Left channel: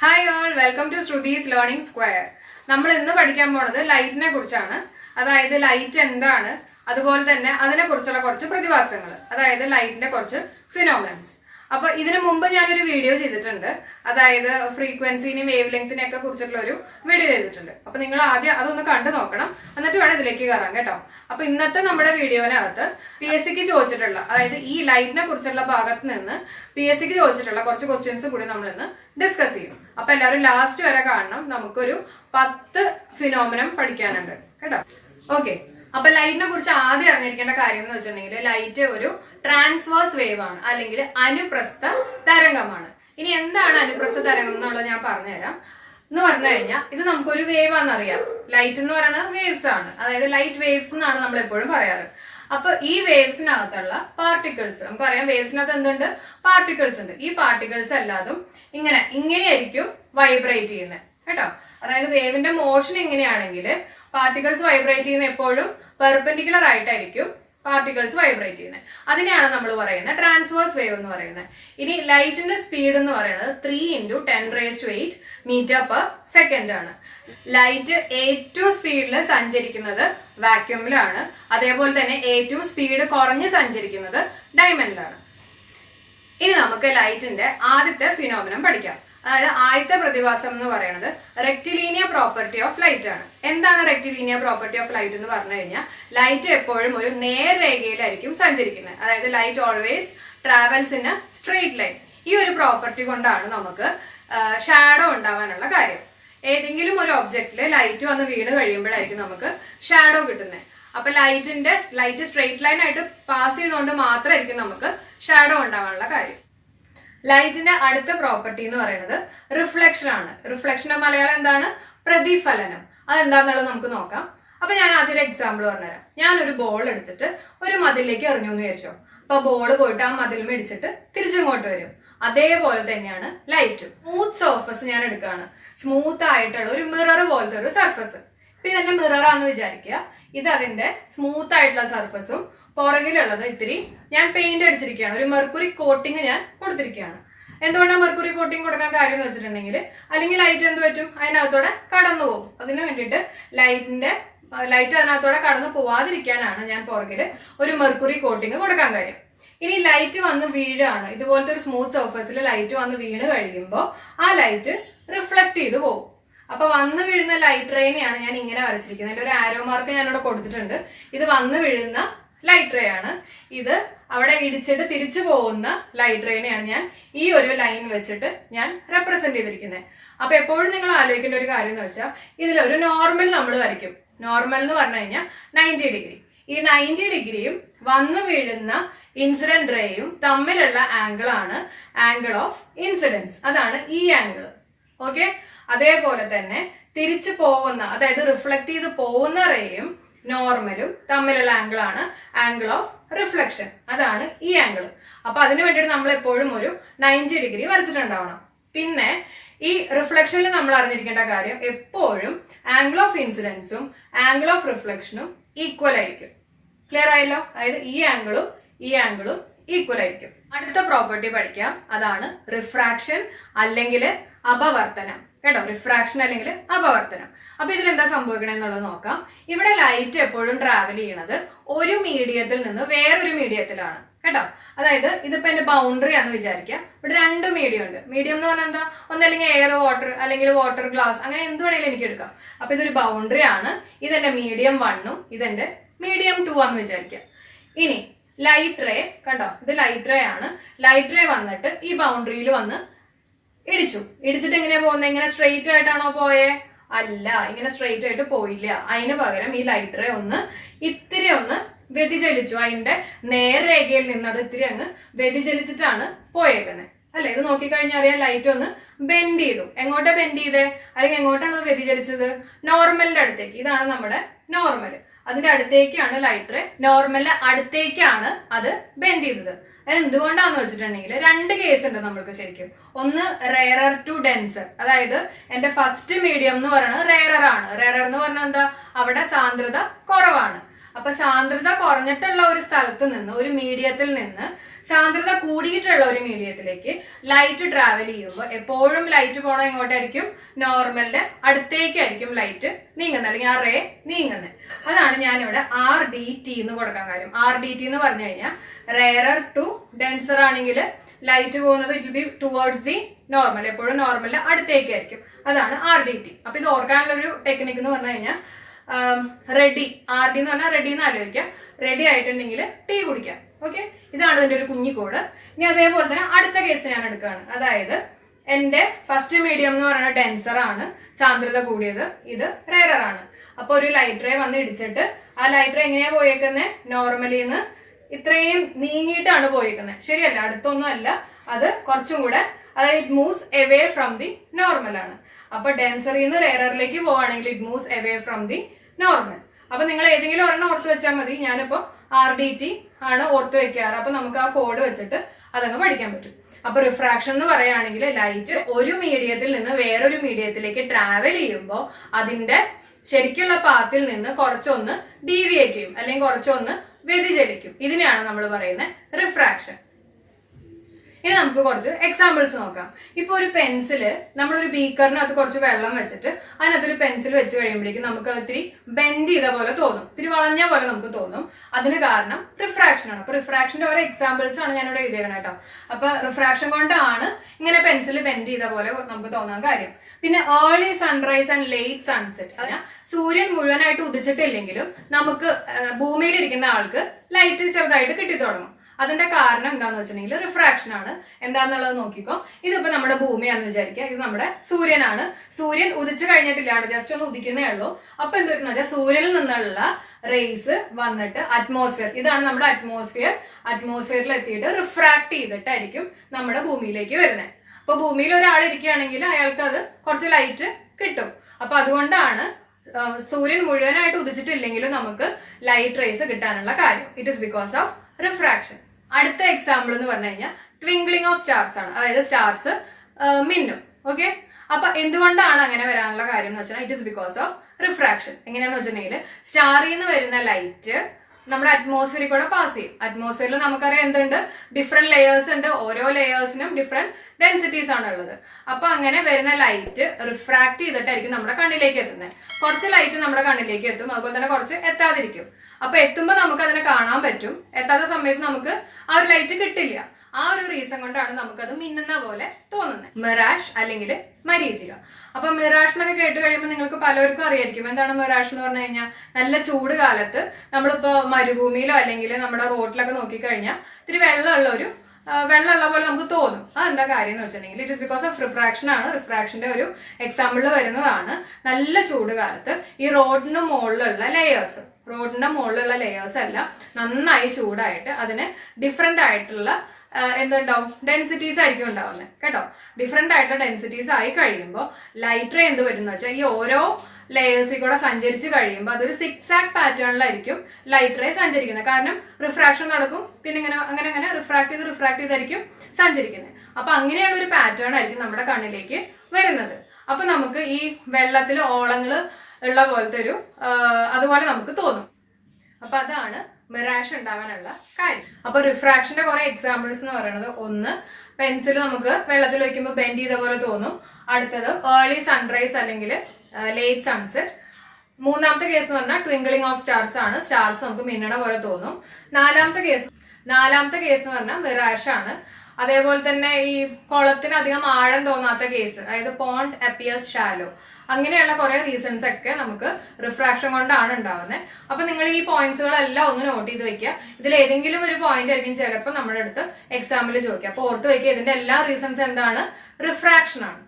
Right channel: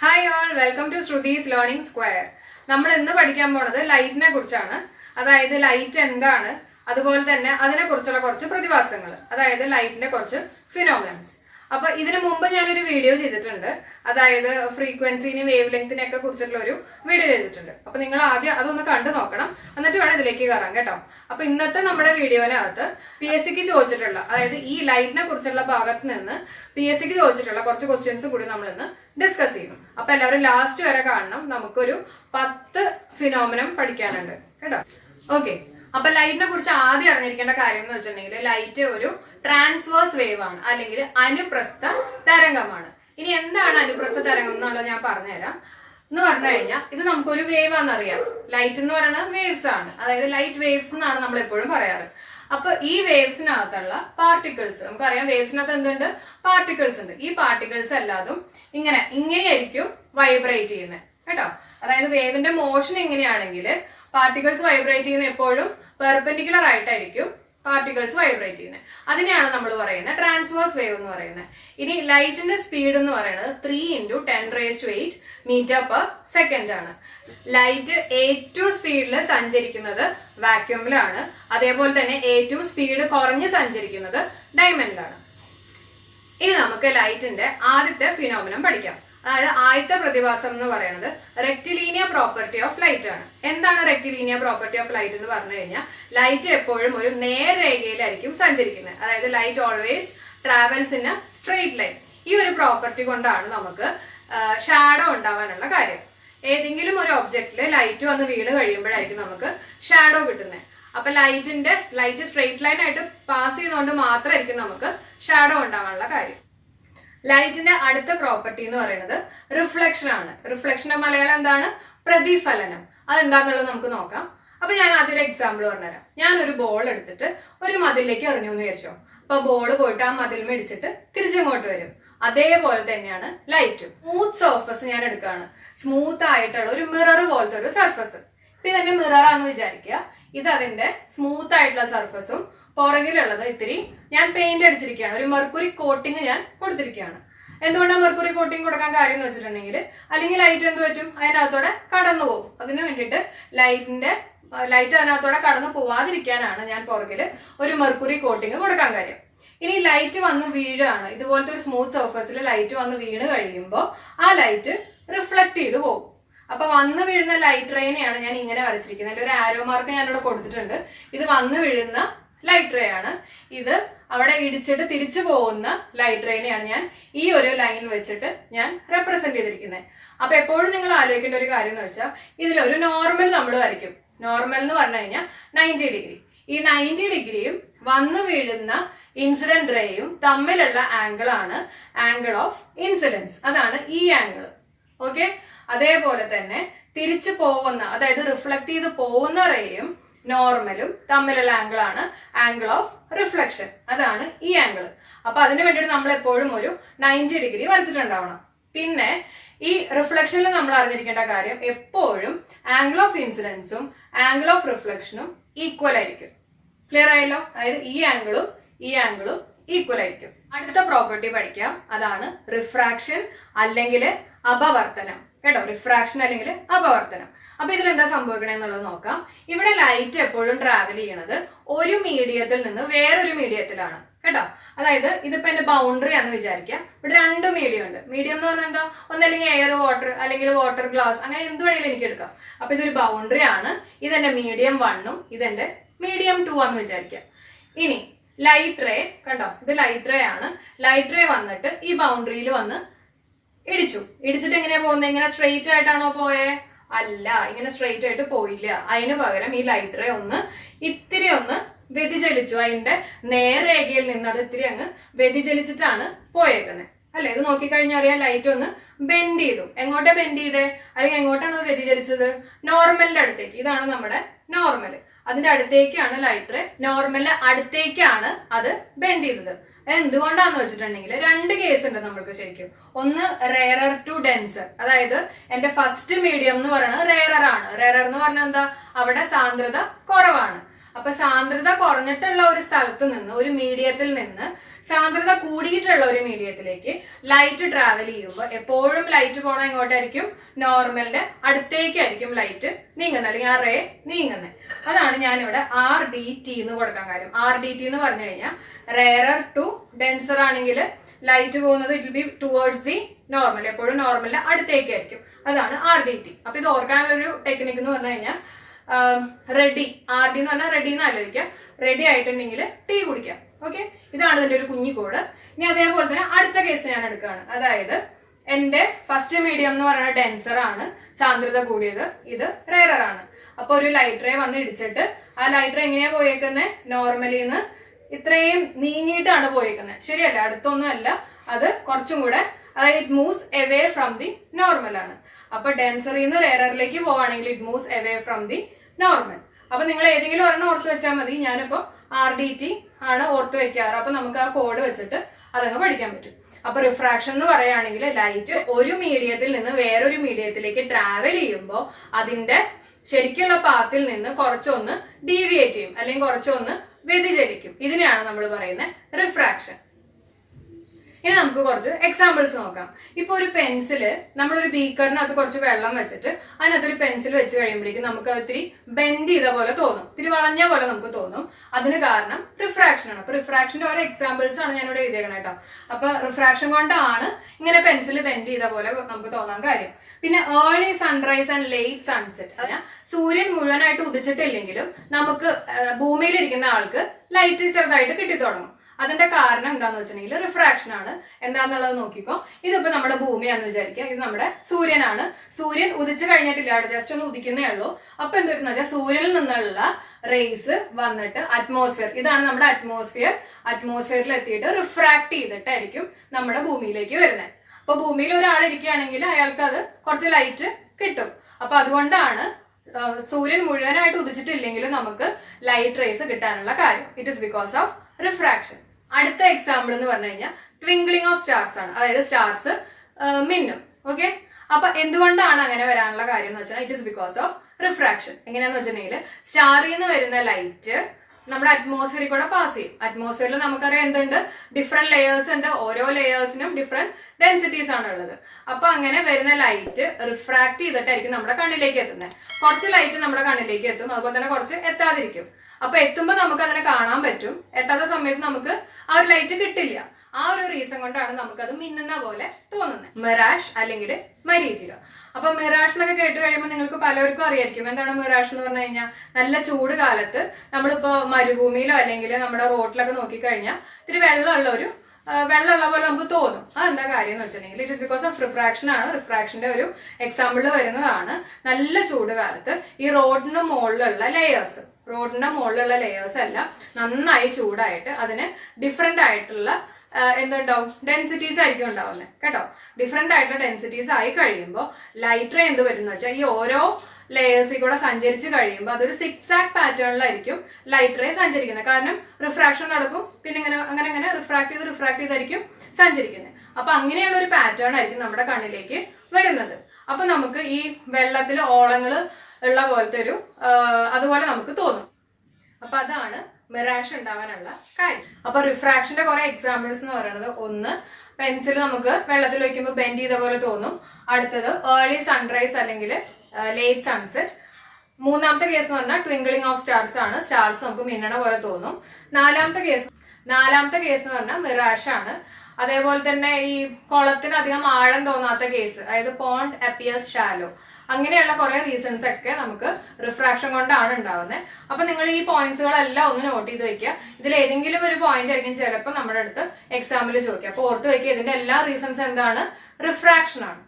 Hi all, welcome to Shruthi's learning square. നമ്മൾ ഇന്ന് പഠിക്കാൻ പോണത് ലൈറ്റിനെ കുറിച്ചാണ്. അതായത് ലൈറ്റ് എന്താണ്, അതുപോലെ തന്നെ അതിനെ കുറിച്ചുള്ള കുറച്ച് പ്രതിഭാസങ്ങൾ, അതായത് ലൈറ്റിന്റെ കുറച്ച് ഫിനോമിനൻസ്. അപ്പൊ ഇതിനു മുമ്പ് ഞാനൊരു വീഡിയോ ചെയ്തിട്ടുണ്ട്, അതായത് ഫ്രീക്വൻസിനെയും വേവ് ലെങ്തിനെ ഒക്കെ കുറിച്ചിട്ടുള്ള ഒരു വീഡിയോ ചെയ്തിട്ടുണ്ട്. അപ്പൊ നിങ്ങൾ ആദ്യം അതൊന്ന് കണ്ടു നോക്കണം, എന്നിട്ട് വേണം ഇതിലേക്ക് കയറാൻ കേട്ടോ. അപ്പൊ ഇന്നത്തെ നമ്മുടെ വീഡിയോനകത്ത് PSCക്ക് ചോദിച്ചിട്ടുള്ള, അതായത് ഈ ലൈറ്റിനെ കുറിച്ചുള്ള ഭാഗത്ത് നിന്ന് PSCക്ക് ചോദിച്ചിട്ടുള്ള കുറച്ച് ക്വസ്റ്റ്യൻസ് കൂടി നമ്മൾ ഇന്ന് ഡിസ്കസ് ചെയ്യും. അപ്പൊ എല്ലാവരും ലാസ്റ്റ് വരെ കാണണം. നമുക്കൊരു 10 ഫിനോമിനം പഠിക്കാനുണ്ട് കേട്ടോ. ഓക്കെ, അപ്പൊ ലൈറ്റിനെ കുറിച്ച് ആദ്യം അറിഞ്ഞിരിക്കേണ്ട കാര്യം എന്ന് വെച്ചിട്ടുണ്ടെങ്കിൽ ലൈറ്റ് ഒരു ട്രാൻസ്വേഴ്സ് വേവ് ആണ്, അല്ലെങ്കിൽ അനുപ്രസ്ഥ തരംഗമാണ്. ഇനി എന്താണ് അനുപ്രസ്ഥ തരംഗം എന്നുള്ളത് ഞാൻ പറഞ്ഞുതരാം. എന്ന് പറഞ്ഞു കഴിഞ്ഞാൽ ഇത് നമുക്കൊരു വേവ് ആണെന്നറിയാം. ലൈറ്റ് എന്ന് പറയുന്നത് വേവ്സ് ആണ്, അതായത് ലൈറ്റ് വേവ്സ് എന്നാണ് നമ്മൾ എപ്പോഴും പറയാറ്. അപ്പൊ ഈ വേവ്സിനകത്തുള്ള പാർട്ടിക്കിൾസ്, നമുക്കറിയാം വേവ്സിനകത്ത് എന്തുണ്ട്, പാർട്ടിക്കിൾസ് ഉണ്ട്. ഈ പാർട്ടിക്കിൾസ് എല്ലാതും ഇങ്ങനെയായിരിക്കും വൈബ്രേറ്റ് ചെയ്യുന്നത് കേട്ടോ. അതായത് വേവിന്റെ മോഷൻ എങ്ങനെയാണെങ്കിൽ പാർട്ടിക്കിൾസ് വൈബ്രേറ്റ് ചെയ്യുന്ന എപ്പോഴും പെർപെൻഡിക്കുലർ ആയിട്ടായിരിക്കും പാർട്ടിക്കിൾസ് വൈബ്രേറ്റ് ചെയ്യുന്നത്. അതിനെയാണ് നമ്മൾ പറയുന്നത് ട്രാൻസ്വേഴ്സ് വേവ് എന്ന് പറയുന്നത്. ഇനി ലൈറ്റിന്റെ സ്പീഡ് എന്ന് പറയുന്നത് 3 × 10⁸ മീറ്റർ പെർ സെക്കൻഡ് ആണ്. ലൈറ്റ് ഏറ്റവും സ്പീഡിൽ സഞ്ചരിക്കുന്നത് വാക്യൂമിലാണ്, അതേപോലെ തന്നെ ഏറ്റവും സ്പീഡ് കുറഞ്ഞ് സഞ്ചരിക്കുന്നത് ഡയമണ്ടിലാണ്. ഇനി നമുക്ക് ലൈറ്റിന്റെ ആദ്യത്തെ ഫിനോമിനം പഠിക്കാം. അതായത് ആദ്യത്തെ പ്രതിഭാസം എന്ന് പറയുന്നത് റെക്റ്റിലീനിയർ പ്രോപ്പർട്ടി ഓഫ് ലൈറ്റ് ആണ്. എന്താണ് റെക്റ്റിലീനിയർ പ്രോപ്പർട്ടി ഓഫ് ലൈറ്റ് എന്ന് പറഞ്ഞു കഴിഞ്ഞാൽ ലൈറ്റ് എപ്പോഴും ഒരു നേർരേഖയിലായിരിക്കും സഞ്ചരിക്കുന്നത്. അതായത് light always travels in A straight line. ഈ ഒരു പ്രോപ്പർട്ടി കൊണ്ടാണ് നമുക്ക് ഷാഡോ ഉണ്ടാവാനുള്ള കാര്യം. ഏതെങ്കിലും ഒരു ഒബ്ജക്റ്റില് ലൈറ്റ് വന്ന് വീണ് കഴിയുമ്പോഴായിരിക്കും നമുക്ക് ഷാഡോ കിട്ടുന്നത്. അപ്പൊ ലൈറ്റ് സ്ട്രെയിറ്റ് ലൈൻ ആയിട്ട് പാസ് ചെയ്തുകൊണ്ട് മാത്രമായിരിക്കും നമുക്ക് ഷാഡോ ഉണ്ടാവാനുള്ള കാര്യം. ലൈറ്റിന്റെ അടുത്ത പ്രോപ്പർട്ടി എന്ന് പറയുന്നത് റിഫ്ലക്ഷൻ ആണ്. റിഫ്ലക്ഷന്റെ മലയാളം എന്താണ്? പ്രതിഫലനം. അതെന്താന്നുള്ളത് നമുക്ക് നോക്കാം. അപ്പൊ ഞാൻ ആദ്യം ഒരു എക്സാമ്പിൾ പറഞ്ഞുതരാം. ഞാനൊരു ബോൾ എടുത്തിട്ട് ഒരു മതിലിലേക്ക് എറിഞ്ഞു എന്ന് വിചാരിച്ചോ. അപ്പൊ ബോൾ പോയിട്ട് ആ മതിൽ ഇടിച്ചിട്ട് തിരിച്ചിങ്ങോട്ട് വരും. അതേപോലെ തന്നെയാണ് ലൈറ്റും. സ്മൂത്ത് സർഫസ് ഞാൻ എടുക്കുകയാണ്, സ്മൂത്ത് ആയിട്ടുള്ള ഒരു മിറർ പോലത്തെ ഒരു സർഫസ്. ഇപ്പൊ ഇതെന്റെ മിററാന്ന് വിചാരിക്കുക. ഇത് അതിന്റെ സ്മൂത്ത് ആയിട്ടുള്ള സർഫസും പുറകിലുള്ളത് ഇത്തിരി ഞാൻ പെയിന്റ് അടിച്ചിരിക്കുകയാണ്, ഒരു മെർക്കുറി കോട്ടിങ് ഞാൻ കൊടുത്തിരിക്കുകയാണ്. എന്തുകൊണ്ടാണ് മെർക്കുറി കോട്ടിങ് കൊടുക്കാൻ കാര്യം എന്ന് വെച്ചിട്ടുണ്ടെങ്കിൽ അല്ലെങ്കിൽ ലൈറ്റ് എന്ത് പറ്റും, അതിനകത്തോടെ കടന്നു പോകും. അതിന് വേണ്ടിയിട്ട് ലൈറ്റ് അതിനകത്തോടെ കടന്നു പോവാതിരിക്കാനാണ് ഞാൻ പുറകില് ഒരു മെർക്കുറി കോട്ടിങ് കൊടുക്കാൻ കാര്യം. ഇനി ലൈറ്റ് വന്ന് വീഴാണ്, ഇതുപോലത്തെ ഒരു സ്മൂത്ത് സർഫസിൽ ലൈറ്റ് വന്ന് വീണ് കഴിയുമ്പോൾ ആ ലൈറ്റ് റിഫ്ലക്ട് ചെയ്ത് പോകും. അപ്പൊ വന്ന് വീഴുന്ന ലൈറ്റ് റേനെയാണ് ഞാൻ ഇങ്ങനെ വരച്ചിരിക്കുന്നത്. അതിന്റെ ഒരു ആരോ മാർക്ക് ഞാനിവിടെ കൊടുത്തിട്ടുണ്ട്. ഇത് വന്ന് വീഴുന്ന ലൈറ്റ് റേ ആണ്. ഇത് അവിടെ ഇടിച്ചിട്ട് തിരിച്ചു പോകുന്ന ലൈറ്റ് റേനെയാണ് ഞാൻ ഈ ഒരു ലൈൻ വെച്ചിട്ട് ഞാൻ റെപ്രസെന്റ് ചെയ്തിരിക്കുന്നത്. അപ്പൊ എപ്പോഴും നിങ്ങൾ ആലോചിക്കേണ്ട ഒരു കാര്യം എന്ന് വെച്ചാൽ ഇതിലൊരു നോർമൽ നമ്മൾ വരയ്ക്കും. നോർമൽ എന്ന് പറഞ്ഞു കഴിഞ്ഞാൽ 90 ഡിഗ്രി. ഈ 90 ഡിഗ്രിയും വന്ന് വീഴുന്ന ഇൻസിഡന്റ് റേയും തമ്മിലുള്ള ആംഗിൾ ആണ് ആംഗിൾ ഓഫ് ഇൻസിഡൻസ്. അതാണ് ഈ ആംഗിൾ. ഓക്കെ, അതേപോലെ തന്നെ തിരിച്ചു പോകുന്ന, അതായത് റിഫ്ലക്ട് ചെയ്ത് പോകുന്ന റേയും നോർമലും തമ്മിലുള്ള ആംഗിൾ ആണ് ആംഗിൾ ഓഫ് റിഫ്ലക്ഷൻ. അതാണ് ഈ ആംഗിൾ. അപ്പൊ അതിന് വേണ്ടിയിട്ട് നമ്മൾ എപ്പോഴും ഒരു 90 ഡിഗ്രി വരച്ചിട്ടുണ്ടാവണം. പിന്നെ ഈ റിഫ്ലക്ഷനിൽ നമ്മൾ അറിഞ്ഞിരിക്കേണ്ട കാര്യം എപ്പോഴും ആംഗിൾ ഓഫ് ഇൻസിഡൻസും ആംഗിൾ ഓഫ് റിഫ്ലക്ഷനും ഈക്വൽ ആയിരിക്കും. ക്ലിയർ ആയല്ലോ? അതായത് ഈ ആംഗിളും ഈക്വൽ ആയിരിക്കും. അടുത്ത പ്രോപ്പർട്ടി പഠിക്കാം, അതാണ് റിഫ്രാക്ഷൻ അല്ലെങ്കിൽ അപവർത്തനം കേട്ടോ. റിഫ്രാക്ഷൻ അല്ലെങ്കിൽ അപവർത്തനം. അപ്പൊ ഇതിൽ എന്താ സംഭവിക്കണേ എന്നുള്ളത് നോക്കാം. ഇവിടെ ലൈറ്റ് എപ്പോഴും ട്രാവൽ ചെയ്യണത് ഒരു മീഡിയത്തിൽ നിന്ന് വേറൊരു മീഡിയത്തിലാണ് കേട്ടോ. അതായത് ഇതിപ്പോ എന്റെ ബൗണ്ടറി ആണെന്ന് വിചാരിക്കാം. ഇവിടെ 2 മീഡിയം ഉണ്ട്. മീഡിയം എന്ന് പറഞ്ഞാൽ എന്താ, ഒന്നല്ലെങ്കിൽ എയർ വാട്ടർ അല്ലെങ്കിൽ വാട്ടർ ഗ്ലാസ്, അങ്ങനെ എന്ത് വേണമെങ്കിലും എനിക്ക് എടുക്കാം. അപ്പൊ ഇതൊരു ബൗണ്ടറി ആണ്. ഇതെന്റെ മീഡിയം 1ഉം ഇതെന്റെ മീഡിയം 2 ആണെന്ന് വിചാരിക്കാം. ഇനി ലൈറ്റ് റേ കണ്ടോ, ഇത് ലൈറ്റ് റേ ആണ്. ലൈറ്റ് റേ വന്നിട്ട് ഈ ബൗണ്ടറിയിൽ വന്ന് ഇടിച്ചിട്ട് എങ്ങനെയാ പോകുന്നത്? ഇങ്ങനെ സ്ട്രെയിറ്റ് ആയിട്ടാണോ പോയേ? അല്ല, ഇങ്ങനെ സ്ട്രെയിറ്റ് ആയിട്ട് പോയില്ല. അതിന് പകരം ഈ ലൈറ്റ് റേ ഇത്തിരി ഒന്ന് വ്യതിചലിച്ചു. അതിന്റെ നേർരേഖയിൽ നിന്ന് അത് ഇത്തിരി അങ്ങ് വ്യതിചലിച്ചിട്ടാണ് പോയേക്കുന്നത് അല്ലെ. ഇത് നോക്കിക്കഴിഞ്ഞാൽ അറിയാം, ലൈറ്റ് ഒന്ന് ബെൻഡ് ചെയ്തു. എങ്ങോട്ടാ ബെൻഡ് ചെയ്തേ, അല്ലെങ്കിൽ എങ്ങോട്ടാണ് അത് വ്യതിചലിച്ചത്? നോർമലിന്റെ അടുത്തേക്ക്. ഇതാണ് നമ്മുടെ നോർമൽ. അതിന്റെ അടുത്തേക്കാണ് ലൈറ്റ് റേ, നോർമലിന്റെ അടുത്തേക്കാണ് അത് ബെൻഡ് ചെയ്തത്. എന്തുകൊണ്ടാന്ന് വെച്ചിട്ടുണ്ടെങ്കിൽ 2 കേസ് ഉണ്ട് നമ്മൾക്ക് ശരിക്കും. ഒന്ന് റേറർ ടു ഡെൻസർ, അതായത് എന്റെ ഫസ്റ്റ് മീഡിയം എന്ന് പറയുന്നത് റേറർ ആണ്. റേറർ എന്ന് പറഞ്ഞാൽ എന്താ, അവിടെ സാന്ദ്രത കുറവാണ്. അപ്പൊ സാന്ദ്രത കുറഞ്ഞിട്ടുള്ള ഒരു സ്ഥലത്ത് നിന്ന്, ഒരു മീഡിയത്തിൽ നിന്ന് സാന്ദ്രത കൂടിയിട്ടുള്ള ഒരു മീഡിയത്തിലേക്ക് ലൈറ്റ് ട്രാവൽ ചെയ്യുമ്പോൾ എപ്പോഴും ലൈറ്റ് പോകണം എങ്ങോട്ടായിരിക്കും? നോർമലിന്റെ അടുത്തേക്കായിരിക്കും ലൈറ്റ് നീങ്ങുന്നത്, അല്ലെങ്കിൽ ആ റേ നീങ്ങുന്നത്. അതാണ് ഞാനിവിടെ RDT എന്ന് കൊടുക്കാൻ കാര്യം. RDT എന്ന് പറഞ്ഞു കഴിഞ്ഞാൽ റേറർ ടു ഡെൻസർ ആണെങ്കിൽ ലൈറ്റ് പോകുന്നത് it will be towards the normal, എപ്പോഴും നോർമലിന്റെ അടുത്തേക്കായിരിക്കും. അതാണ് RDT. അപ്പൊ ഇത് ഓർക്കാനുള്ള ഒരു ടെക്നിക്ക് എന്ന് പറഞ്ഞു കഴിഞ്ഞാൽ റെഡി, RD എന്ന് പറഞ്ഞാൽ റെഡി എന്ന് ആലോചിക്കാം. റെഡി ആയിട്ടുണ്ടെങ്കിൽ ടീ കുടിക്കാം. ഓക്കെ, ഇതാണ് ഇതിന്റെ ഒരു കുഞ്ഞി കോഡ്. ഇനി അതേപോലെ തന്നെ അടുത്ത കേസ് ഞാൻ എടുക്കുകയാണ്. അതായത് എന്റെ ഫസ്റ്റ് മീഡിയം എന്ന് പറയുന്നത് ഡെൻസർ ആണ്, സാന്ദ്രത കൂടിയത്. ഇത് റേറർ ആണ്. അപ്പൊ ഒരു ലൈറ്റ് റേ വന്ന് ഇടിച്ചിട്ട് ആ ലൈറ്റ് റേ എങ്ങനെയാ പോയേക്കുന്നത്? നോർമലിന്ന് ഇത്രയും നീങ്ങിയിട്ടാണ് പോയേക്കുന്നത്. ശരിയല്ല, അടുത്തൊന്നും അല്ല, അത് കുറച്ചും കൂടെ, അതായത് it moves away from the normal ആണ്. അപ്പൊ ഡെൻസറിൽ നിന്ന് റേററിലേക്ക് പോവാണെങ്കിൽ it moves away from the normal. അപ്പൊ നിങ്ങൾ ഏതെങ്കിലും ഒരെണ്ണം ഓർത്ത് വെച്ചാൽ മതി. ഞാനിപ്പോ RDT ആണ് ഓർത്ത് വെക്കാറ്. അപ്പൊ നമുക്ക് ആ കോഡ് വെച്ചിട്ട് അതങ്ങ് പഠിക്കാൻ പറ്റും. അപ്പൊ റിഫ്രാക്ഷൻ എന്ന് പറയുകയാണെങ്കിൽ ലൈറ്റ് ഒരു മീഡിയത്തിൽ നിന്ന് വേറൊരു മീഡിയത്തിലേക്ക് ട്രാവൽ ചെയ്യുമ്പോൾ അതിന്റെ ശരിക്കുള്ള പാത്തിൽ നിന്ന് കുറച്ചൊന്ന് ഡീവിയേറ്റ് ചെയ്യും, അല്ലെങ്കിൽ കുറച്ചൊന്ന് വ്യതിചലിക്കും. ഇതിനെയാണ് നമ്മൾ പറയുന്നത് റിഫ്രാക്ഷൻ. ഇനി നമുക്ക് കുറച്ച് എക്സാമ്പിൾസ് നോക്കാം. ഇപ്പൊ ഒരു പെൻസില് നമ്മളൊരു ബീക്കറിനകത്ത് കുറച്ച് വെള്ളം വെച്ചിട്ട് അതിനകത്തൊരു പെൻസിൽ വെച്ച് കഴിയുമ്പോഴേക്കും നമുക്ക് ഒത്തിരി ബെൻഡ് ചെയ്ത പോലെ തോന്നും, ഇത്തിരി വളഞ്ഞ പോലെ നമുക്ക് തോന്നും. അതിന് കാരണം റിഫ്രാക്ഷൻ ആണ്. അപ്പൊ റിഫ്രാക്ഷന്റെ ഓരോ എക്സാമ്പിൾസ് ആണ് ഞാനിവിടെ എഴുതിയേക്കണം കേട്ടോ. അപ്പൊ റിഫ്രാക്ഷൻ കൊണ്ടാണ് ഇങ്ങനെ പെൻസിൽ ബെൻഡ് ചെയ്ത പോലെ നമുക്ക് തോന്നാൻ കാര്യം. പിന്നെ early sunrise and late sunset, അതായത് സൂര്യൻ മുഴുവനായിട്ട് ഉദിച്ചിട്ടില്ലെങ്കിലും നമുക്ക് ഭൂമിയിലിരിക്കുന്ന ആൾക്ക് ലൈറ്റ് ചെറുതായിട്ട് കിട്ടിത്തുടങ്ങും. അതിന്റെ കാരണം എന്താന്ന് വെച്ചിട്ടുണ്ടെങ്കിൽ റിഫ്രാക്ഷൻ ആണ്. എന്താന്നുള്ളത് നോക്കിക്കോ. ഇതിപ്പോ നമ്മുടെ ഭൂമിയാണെന്ന് വിചാരിക്കുക, ഇത് നമ്മുടെ സൂര്യനാണ്. സൂര്യൻ ഉദിച്ചു കഴിഞ്ഞിട്ടില്ല, അവിടെ ജസ്റ്റ് ഒന്ന് ഉദിക്കുന്നേ ഉള്ളൂ. അപ്പൊ എന്തെന്ന് വെച്ചാൽ സൂര്യനിൽ നിന്നുള്ള റേസ് വന്നിട്ട് അറ്റ്മോസ്ഫിയർ, ഇതാണ് നമ്മുടെ അറ്റ്മോസ്ഫിയർ, അറ്റ്മോസ്ഫിയറിൽ എത്തിയിട്ട് റിഫ്രാക്ട് ചെയ്തിട്ടായിരിക്കും നമ്മുടെ ഭൂമിയിലേക്ക് വരുന്നത്. അപ്പൊ ഭൂമിയിൽ ഒരാൾ ഇരിക്കുകയാണെങ്കിൽ അയാൾക്ക് അത് കുറച്ച് ലൈറ്റ് കിട്ടും. അപ്പൊ അതുകൊണ്ടാണ് സൂര്യൻ മുഴുവനായിട്ട് ഉദിച്ചിട്ടില്ലെങ്കിൽ നമുക്ക് ലൈറ്റ് റേസ് കിട്ടാനുള്ള കാര്യം. It is because of refraction. അടുത്ത എക്സാമ്പിൾ എന്ന് പറഞ്ഞു കഴിഞ്ഞാൽ ട്വിങ്ക്ലിംഗ് ഓഫ് സ്റ്റാർസ് ആണ്. അതായത് സ്റ്റാർസ് മിന്നും. ഓക്കെ, അപ്പൊ എന്തുകൊണ്ടാണ് അങ്ങനെ വരാനുള്ള കാര്യം എന്ന് വെച്ചാൽ it is because of refraction. എങ്ങനെയാന്ന് വെച്ചിട്ടുണ്ടെങ്കിൽ സ്റ്റാറിൽ നിന്ന് വരുന്ന ലൈറ്റ് നമ്മുടെ അറ്റ്മോസ്ഫിയറിൽ കൂടെ പാസ് ചെയ്യും. അറ്റ്മോസ്ഫിയറിൽ നമുക്കറിയാം എന്തുണ്ട്, ഡിഫറെന്റ് ലെയേഴ്സ് ഉണ്ട്. ഓരോ ലെയേഴ്സിനും ഡിഫറെന്റ് ഡെൻസിറ്റീസ് ആണ് ഉള്ളത്. അപ്പൊ അങ്ങനെ വരുന്ന ലൈറ്റ് റിഫ്രാക്ട് ചെയ്തിട്ടായിരിക്കും നമ്മുടെ കണ്ണിലേക്ക് എത്തുന്നത്. കുറച്ച് ലൈറ്റ് നമ്മുടെ കണ്ണിലേക്ക് എത്തും, അതുപോലെ തന്നെ കുറച്ച് എത്താതിരിക്കും. അപ്പൊ എത്തുമ്പോൾ നമുക്ക് അതിനെ കാണാൻ പറ്റും, എത്താത്ത സമയത്ത് നമുക്ക് ആ ഒരു ലൈറ്റ് കിട്ടില്ല. ആ ഒരു റീസൺ കൊണ്ടാണ് നമുക്കത് മിന്നുന്ന പോലെ തോന്നുന്നത്. മിറാഷ് അല്ലെങ്കിൽ മരീചിക. അപ്പൊ മിറാഷ് എന്നൊക്കെ കേട്ട് കഴിയുമ്പോൾ നിങ്ങൾക്ക് പലർക്കും അറിയായിരിക്കും എന്താണ് മിറാഷ് എന്ന് പറഞ്ഞു കഴിഞ്ഞാൽ. നല്ല ചൂട് കാലത്ത് നമ്മളിപ്പോ മരുഭൂമിയിലോ അല്ലെങ്കിൽ നമ്മുടെ റോഡിലൊക്കെ നോക്കിക്കഴിഞ്ഞാൽ ഇത്തിരി വെള്ളമുള്ള പോലെ നമുക്ക് തോന്നും. അതെന്താ കാര്യം എന്ന് വെച്ചിട്ടുണ്ടെങ്കിൽ it is because of refraction ആണ്. റിഫ്രാക്ഷന്റെ ഒരു എക്സാമ്പിൾ വരുന്നതാണ് നല്ല ചൂട് കാലത്ത് ഈ റോഡിന്റെ മുകളിലുള്ള ലെയേഴ്സ് എല്ലാം നന്നായി ചൂടായിട്ട് അതിന് ഡിഫറെന്റ് ആയിട്ടുള്ള എന്തുണ്ടാവും, ഡെൻസിറ്റീസ് ആയിരിക്കും ഉണ്ടാവുന്നത് കേട്ടോ. ഡിഫറെന്റ് ആയിട്ടുള്ള ഡെൻസിറ്റീസ് ആയി കഴിയുമ്പോൾ ലൈറ്റ് റേ എന്ത് വരുന്ന വെച്ചാൽ ഈ ഓരോ ലെയേഴ്സിൽ കൂടെ സഞ്ചരിച്ച് കഴിയുമ്പോൾ അതൊരു സിക്സാക് പാറ്റേണിലായിരിക്കും ലൈറ്റ് റേ സഞ്ചരിക്കുന്നത്. കാരണം റിഫ്രാക്ഷൻ നടക്കും, പിന്നെ അങ്ങനെ റിഫ്രാക്ട് ചെയ്തായിരിക്കും സഞ്ചരിക്കുന്നത്. അപ്പൊ അങ്ങനെയുള്ള ഒരു പാറ്റേൺ ആയിരിക്കും നമ്മുടെ കണ്ണിലേക്ക് വരുന്നത്. അപ്പൊ നമുക്ക് ഈ വെള്ളത്തിൽ ഓളങ്ങൾ ഉള്ള പോലത്തെ ഒരു അതുപോലെ നമുക്ക് തോന്നും. അപ്പൊ അതാണ് മിറാഷ് ഉണ്ടാവാനുള്ള കാര്യം. അപ്പൊ റിഫ്രാക്ഷന്റെ കുറെ എക്സാമ്പിൾസ് എന്ന് പറയുന്നത്, ഒന്ന് പെൻസിൽ നമുക്ക് വെള്ളത്തിൽ വയ്ക്കുമ്പോൾ ബെൻഡ് ചെയ്ത പോലെ തോന്നും. അടുത്തത് ഏർലി സൺറൈസ് അല്ലെങ്കിൽ ലേറ്റ് സൺസെറ്റ്. മൂന്നാമത്തെ കേസ് എന്ന് പറഞ്ഞാൽ ട്വിങ്ക്ലിംഗ് ഓഫ് സ്റ്റാർസ് ആണ്. സ്റ്റാർസ് നമുക്ക് മിന്നണ പോലെ തോന്നും. നാലാമത്തെ കേസ് എന്ന് പറഞ്ഞാൽ മിറാഷ് ആണ്. അതേപോലെ തന്നെ ഈ കുളത്തിന് അധികം ആഴം തോന്നാത്ത കേസ്, അതായത് പോണ്ട് അപ്പിയേഴ്സ് ഷാലോ. അങ്ങനെയുള്ള കുറെ റീസൺസ് ഒക്കെ നമുക്ക് റിഫ്രാക്ഷൻ കൊണ്ടാണ് ഉണ്ടാവുന്നത്. അപ്പൊ നിങ്ങൾ ഈ പോയിന്റ്സുകളെല്ലാം ഒന്ന് നോട്ട് ചെയ്ത് വെക്കുക. ഇതിൽ ഏതെങ്കിലും ഒരു പോയിന്റ് ആയിരിക്കും ചിലപ്പോൾ നമ്മുടെ അടുത്ത് എക്സാമിൽ ചോദിക്കുക. അപ്പൊ ഓർത്ത് വെക്കുക, ഇതിന്റെ എല്ലാ റീസൺസ് എന്താണ്? റിഫ്രാക്ഷൻ ആണ്.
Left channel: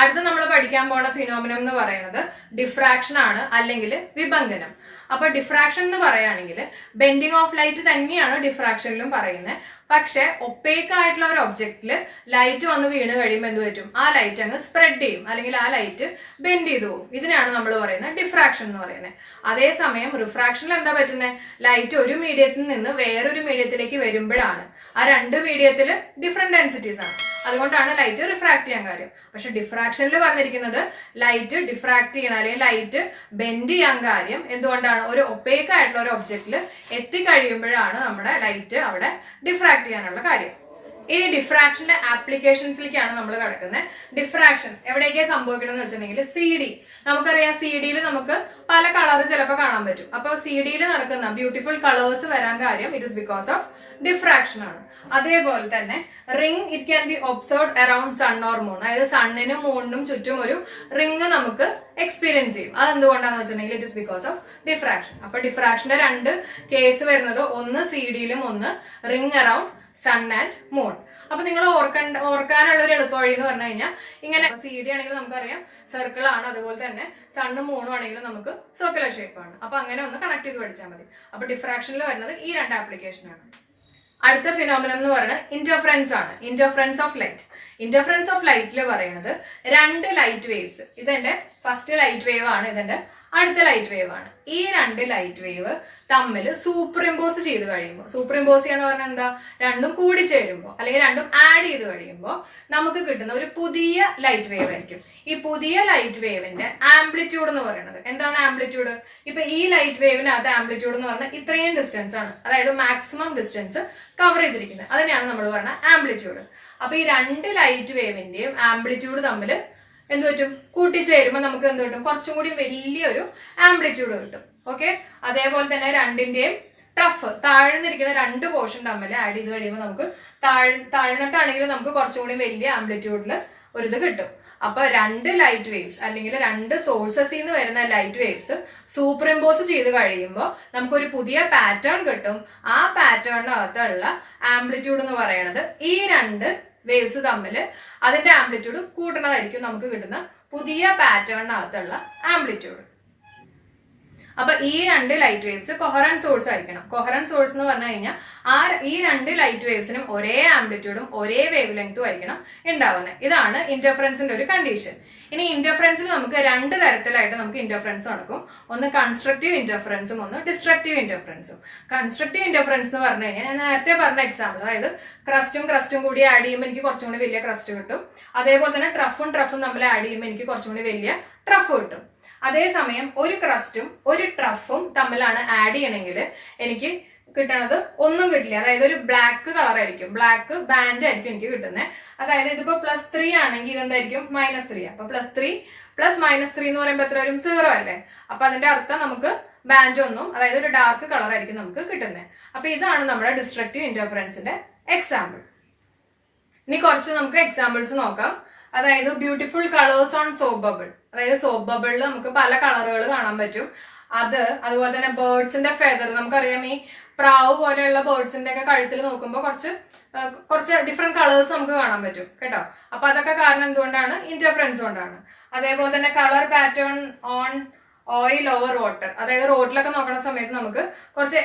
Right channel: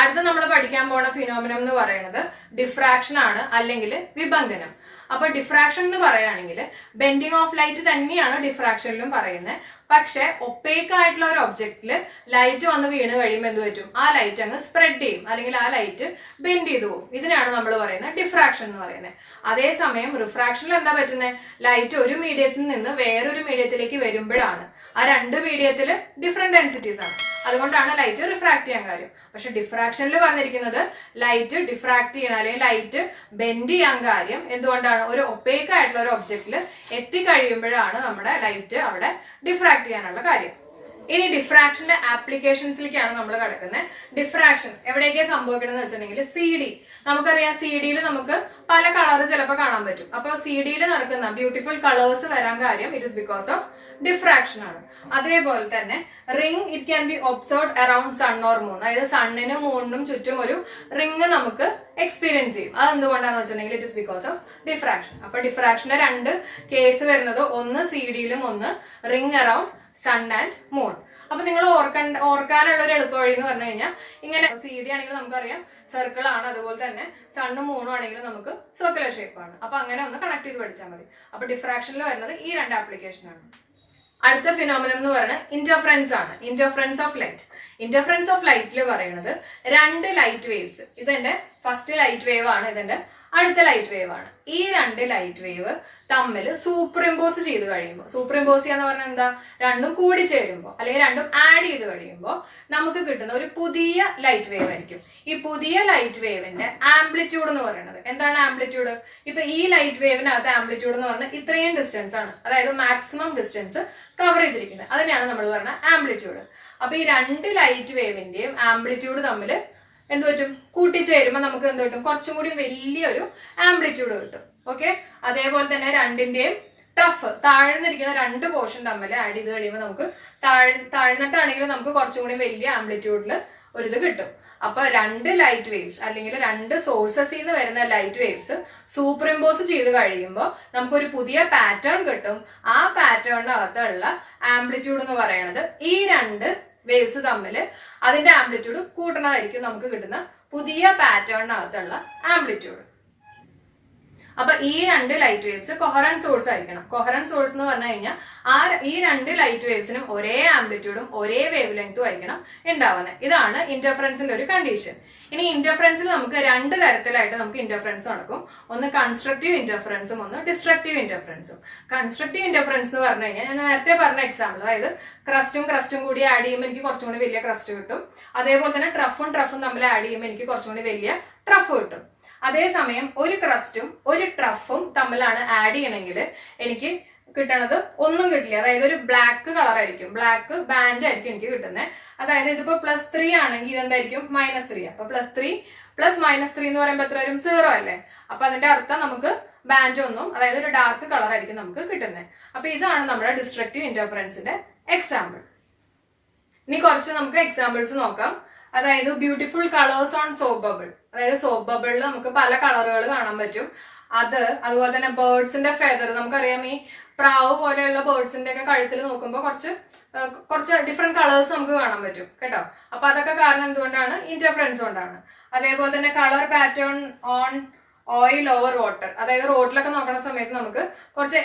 അടുത്ത നമ്മൾ പഠിക്കാൻ പോണ ഫിനോമിനം എന്ന് പറയുന്നത് ഡിഫ്രാക്ഷൻ ആണ്, അല്ലെങ്കിൽ വിഭങ്കനം. അപ്പൊ ഡിഫ്രാക്ഷൻ എന്ന് പറയുകയാണെങ്കിൽ ബെൻഡിങ് ഓഫ് ലൈറ്റ് തന്നെയാണ് ഡിഫ്രാക്ഷനിലും പറയുന്നത്. പക്ഷെ ഒപ്പേക്ക് ആയിട്ടുള്ള ഒരു ഒബ്ജക്റ്റില് ലൈറ്റ് വന്ന് വീണ് കഴിയുമ്പോൾ എന്ത് പറ്റും? ആ ലൈറ്റ് അങ്ങ് സ്പ്രെഡ് ചെയ്യും, അല്ലെങ്കിൽ ആ ലൈറ്റ് ബെൻഡ് ചെയ്തു പോകും. ഇതിനാണ് നമ്മൾ പറയുന്നത് ഡിഫ്രാക്ഷൻ എന്ന് പറയുന്നത്. അതേസമയം റിഫ്രാക്ഷനിൽ എന്താ പറ്റുന്നത്? ലൈറ്റ് ഒരു മീഡിയത്തിൽ നിന്ന് വേറൊരു മീഡിയത്തിലേക്ക് വരുമ്പോഴാണ്. ആ രണ്ട് മീഡിയത്തിൽ ഡിഫറെന്റ് ഡെൻസിറ്റീസ് ആണ്. അതുകൊണ്ടാണ് ലൈറ്റ് റിഫ്രാക്ട് ചെയ്യാൻ കാര്യം. പക്ഷെ ഡിഫ്രാക്ഷനിൽ പറഞ്ഞിരിക്കുന്നത് ലൈറ്റ് ഡിഫ്രാക്ട് ചെയ്യണം അല്ലെങ്കിൽ ലൈറ്റ് ബെൻഡ് ചെയ്യാൻ കാര്യം എന്തുകൊണ്ടാണ്? ഒരു ഒപ്പേക്ക് ആയിട്ടുള്ള ഒരു ഒബ്ജക്റ്റിൽ എത്തിക്കഴിയുമ്പോഴാണ് നമ്മുടെ ലൈറ്റ് അവിടെ ഡിഫ്രാക്ട് ചെയ്യാനുള്ള കാര്യം. ഇനി ഡിഫ്രാക്ഷന്റെ ആപ്ലിക്കേഷൻസിലേക്കാണ് നമ്മൾ കിടക്കുന്നത്. ഡിഫ്രാക്ഷൻ എവിടെയൊക്കെയാണ് സംഭവിക്കണമെന്ന് വെച്ചിട്ടുണ്ടെങ്കിൽ CD, നമുക്കറിയാം CD-യിൽ നമുക്ക് പല കളർ ചിലപ്പോൾ കാണാൻ പറ്റും. അപ്പൊ CD-യിൽ നടക്കുന്ന ബ്യൂട്ടിഫുൾ കളേഴ്സ് വരാൻ കാര്യം it is because of diffraction ആണ്. അതേപോലെ തന്നെ ring it can be observed around sun or moon, അതായത് സണ്ണിനും മൂണിനും ചുറ്റും ഒരു റിംഗ് നമുക്ക് എക്സ്പീരിയൻസ് ചെയ്യും. അത് എന്തുകൊണ്ടാന്ന് വെച്ചിട്ടുണ്ടെങ്കിൽ it is because of diffraction. അപ്പൊ ഡിഫ്രാക്ഷന്റെ 2 കേസ് വരുന്നത്, ഒന്ന് CD-യിലും ഒന്ന് ring around sun and moon. അപ്പൊ നിങ്ങൾ ഓർക്കാനുള്ള ഒരു എളുപ്പ വഴി എന്ന് പറഞ്ഞു കഴിഞ്ഞാൽ ഇങ്ങനെ CD ആണെങ്കിൽ നമുക്കറിയാം സർക്കിൾ ആണ്, അതുപോലെ തന്നെ സണ്ണും മൂണും ആണെങ്കിൽ നമുക്ക് സർക്കുലർ ഷേപ്പ് ആണ്. അപ്പൊ അങ്ങനെ ഒന്ന് കണക്ട് ചെയ്ത് പഠിച്ചാൽ മതി. അപ്പൊ ഡിഫ്രാക്ഷനിൽ വരുന്നത് ഈ 2 ആപ്ലിക്കേഷൻ ആണ്. അടുത്ത ഫിനോമിനം എന്ന് പറയുന്നത് ഇന്റർഫറൻസ് ആണ്. Interference of light. Interference of ലൈറ്റിൽ പറയുന്നത് 2 ലൈറ്റ് വേവ്സ്, ഇതെന്റെ ഫസ്റ്റ് ലൈറ്റ് വേവ് ആണ്, ഇതെന്റെ അടുത്ത ലൈറ്റ് വേവ് ആണ്. ഈ 2 ലൈറ്റ് വേവ് തമ്മിൽ സൂപ്പർ ഇമ്പോസ് ചെയ്ത് കഴിയുമ്പോൾ, സൂപ്പർ ഇമ്പോസ് ചെയ്യാന്ന് പറഞ്ഞാൽ എന്താ, രണ്ടും കൂടി ചേരുമ്പോൾ അല്ലെങ്കിൽ രണ്ടും ആഡ് ചെയ്ത് കഴിയുമ്പോൾ നമുക്ക് കിട്ടുന്ന ഒരു പുതിയ ലൈറ്റ് വേവ് ആയിരിക്കും. ഈ പുതിയ ലൈറ്റ് വേവിന്റെ ആംപ്ലിറ്റ്യൂഡ് എന്ന് പറയുന്നത് എന്താണ്? ആംപ്ലിറ്റ്യൂഡ്, ഇപ്പൊ ഈ ലൈറ്റ് വേവിനകത്ത് ആംപ്ലിറ്റ്യൂഡ് എന്ന് പറഞ്ഞാൽ ഇത്രയും ഡിസ്റ്റൻസ് ആണ്, അതായത് മാക്സിമം ഡിസ്റ്റൻസ് കവർ ചെയ്തിരിക്കുന്നത്, അതിനെയാണ് നമ്മൾ പറഞ്ഞ ആംപ്ലിറ്റ്യൂഡ്. അപ്പൊ ഈ 2 ലൈറ്റ് വേവിന്റെയും ആംപ്ലിറ്റ്യൂഡ് തമ്മിൽ എന്ത് പറ്റും? കൂട്ടിച്ചേരുമ്പോൾ നമുക്ക് എന്ത് കിട്ടും? കുറച്ചും കൂടി വലിയൊരു ആംപ്ലിറ്റ്യൂഡ് കിട്ടും. ഓക്കെ, അതേപോലെ തന്നെ 2ന്റെയും ടഫ് താഴ്ന്നിരിക്കുന്ന 2 പോർഷൻ തമ്മിൽ ആഡ് ചെയ്ത് കഴിയുമ്പോൾ നമുക്ക് താഴ്ന്നിട്ടാണെങ്കിൽ നമുക്ക് കുറച്ചും കൂടി വലിയ ആംപ്ലിറ്റ്യൂഡിൽ ഒരു ഇത് കിട്ടും. അപ്പൊ 2 ലൈറ്റ് വേവ്സ് അല്ലെങ്കിൽ 2 സോഴ്സസിൽ നിന്ന് വരുന്ന ലൈറ്റ് വേവ്സ് സൂപ്പർ ഇമ്പോസ് ചെയ്ത് കഴിയുമ്പോൾ നമുക്കൊരു പുതിയ പാറ്റേൺ കിട്ടും. ആ പാറ്റേണിനകത്തുള്ള ആംപ്ലിറ്റ്യൂഡ് എന്ന് പറയുന്നത് ഈ 2 വേവ്സ് തമ്മിൽ അതിന്റെ ആംപ്ലിറ്റ്യൂഡ് കൂട്ടുന്നതായിരിക്കും നമുക്ക് കിട്ടുന്ന പുതിയ പാറ്റേണിനകത്തുള്ള ആംപ്ലിറ്റ്യൂഡ്. അപ്പൊ ഈ 2 ലൈറ്റ് വേവ്സ് കൊഹറന്റ് സോഴ്സ് ആയിരിക്കണം. കൊഹറന്റ് സോഴ്സ് എന്ന് പറഞ്ഞു കഴിഞ്ഞാൽ ഈ 2 ലൈറ്റ് വേവ്സിനും ഒരേ ആംപ്ലിറ്റ്യൂഡും ഒരേ വേവ് ലെങ്ത്തും ആയിരിക്കണം ഉണ്ടാവുന്നത്. ഇതാണ് ഇന്റർഫറൻസിന്റെ ഒരു കണ്ടീഷൻ. ഇനി ഇന്റർഫറൻസിൽ നമുക്ക് 2 തരത്തിലായിട്ട് നമുക്ക് ഇന്റർഫറൻസ് നടക്കും. ഒന്ന് കൺസ്ട്രക്റ്റീവ് ഇന്റർഫറൻസും ഒന്ന് ഡിസ്ട്രക്റ്റീവ് ഇന്റർഫറൻസും. കൺസ്ട്രക്റ്റീവ് ഇന്റർഫറൻസ് എന്ന് പറഞ്ഞു കഴിഞ്ഞാൽ ഞാൻ നേരത്തെ പറഞ്ഞ എക്സാമ്പിൾ, അതായത് ക്രസ്റ്റും കൂടി ആഡ് ചെയ്യുമ്പോൾ എനിക്ക് കുറച്ചും കൂടി വലിയ ക്രസ്റ്റ് കിട്ടും. അതേപോലെ തന്നെ ട്രഫും തമ്മിൽ ആഡ് ചെയ്യുമ്പോൾ എനിക്ക് കുറച്ചും കൂടി വലിയ ട്രഫ് കിട്ടും. അതേസമയം ഒരു ക്രസ്റ്റും ഒരു ട്രഫും തമ്മിലാണ് ആഡ് ചെയ്യണമെങ്കിൽ എനിക്ക് കിട്ടണത് ഒന്നും കിട്ടില്ല. അതായത് ഒരു ബ്ലാക്ക് കളർ ആയിരിക്കും, ബ്ലാക്ക് ബാൻഡ് ആയിരിക്കും എനിക്ക് കിട്ടുന്നത്. അതായത് ഇതിപ്പോ +3 ആണെങ്കിൽ ഇതെന്തായിരിക്കും? -3. അപ്പൊ +3 + -3 എന്ന് പറയുമ്പോൾ എത്ര വരും? 0 അല്ലേ? അപ്പൊ അതിന്റെ അർത്ഥം നമുക്ക് ബാൻഡ് ഒന്നും, അതായത് ഒരു ഡാർക്ക് കളർ ആയിരിക്കും നമുക്ക് കിട്ടുന്നത്. അപ്പൊ ഇതാണ് നമ്മുടെ ഡിസ്ട്രക്റ്റീവ് ഇന്റർഫറൻസിന്റെ എക്സാമ്പിൾ. ഇനി കുറച്ച് നമുക്ക് എക്സാമ്പിൾസ് നോക്കാം. അതായത് beautiful colours on soap bubble. അതായത് സോപ്പ് ബബിളിൽ നമുക്ക് പല കളറുകൾ കാണാൻ പറ്റും. അതുപോലെ തന്നെ ബേർഡ്സിന്റെ ഫെദർ, നമുക്കറിയാം ഈ പ്രാവ് പോലെയുള്ള ബേർഡ്സിന്റെ ഒക്കെ കഴുത്തിൽ നോക്കുമ്പോൾ കുറച്ച് ഡിഫറെന്റ് കളേഴ്സ് നമുക്ക് കാണാൻ പറ്റും കേട്ടോ. അപ്പൊ അതൊക്കെ കാരണം എന്തുകൊണ്ടാണ്? ഇന്റർഫറൻസ് കൊണ്ടാണ്. അതേപോലെ തന്നെ colour pattern on oil over water, അതായത് റോഡിലൊക്കെ നോക്കുന്ന സമയത്ത് നമുക്ക് കുറച്ച്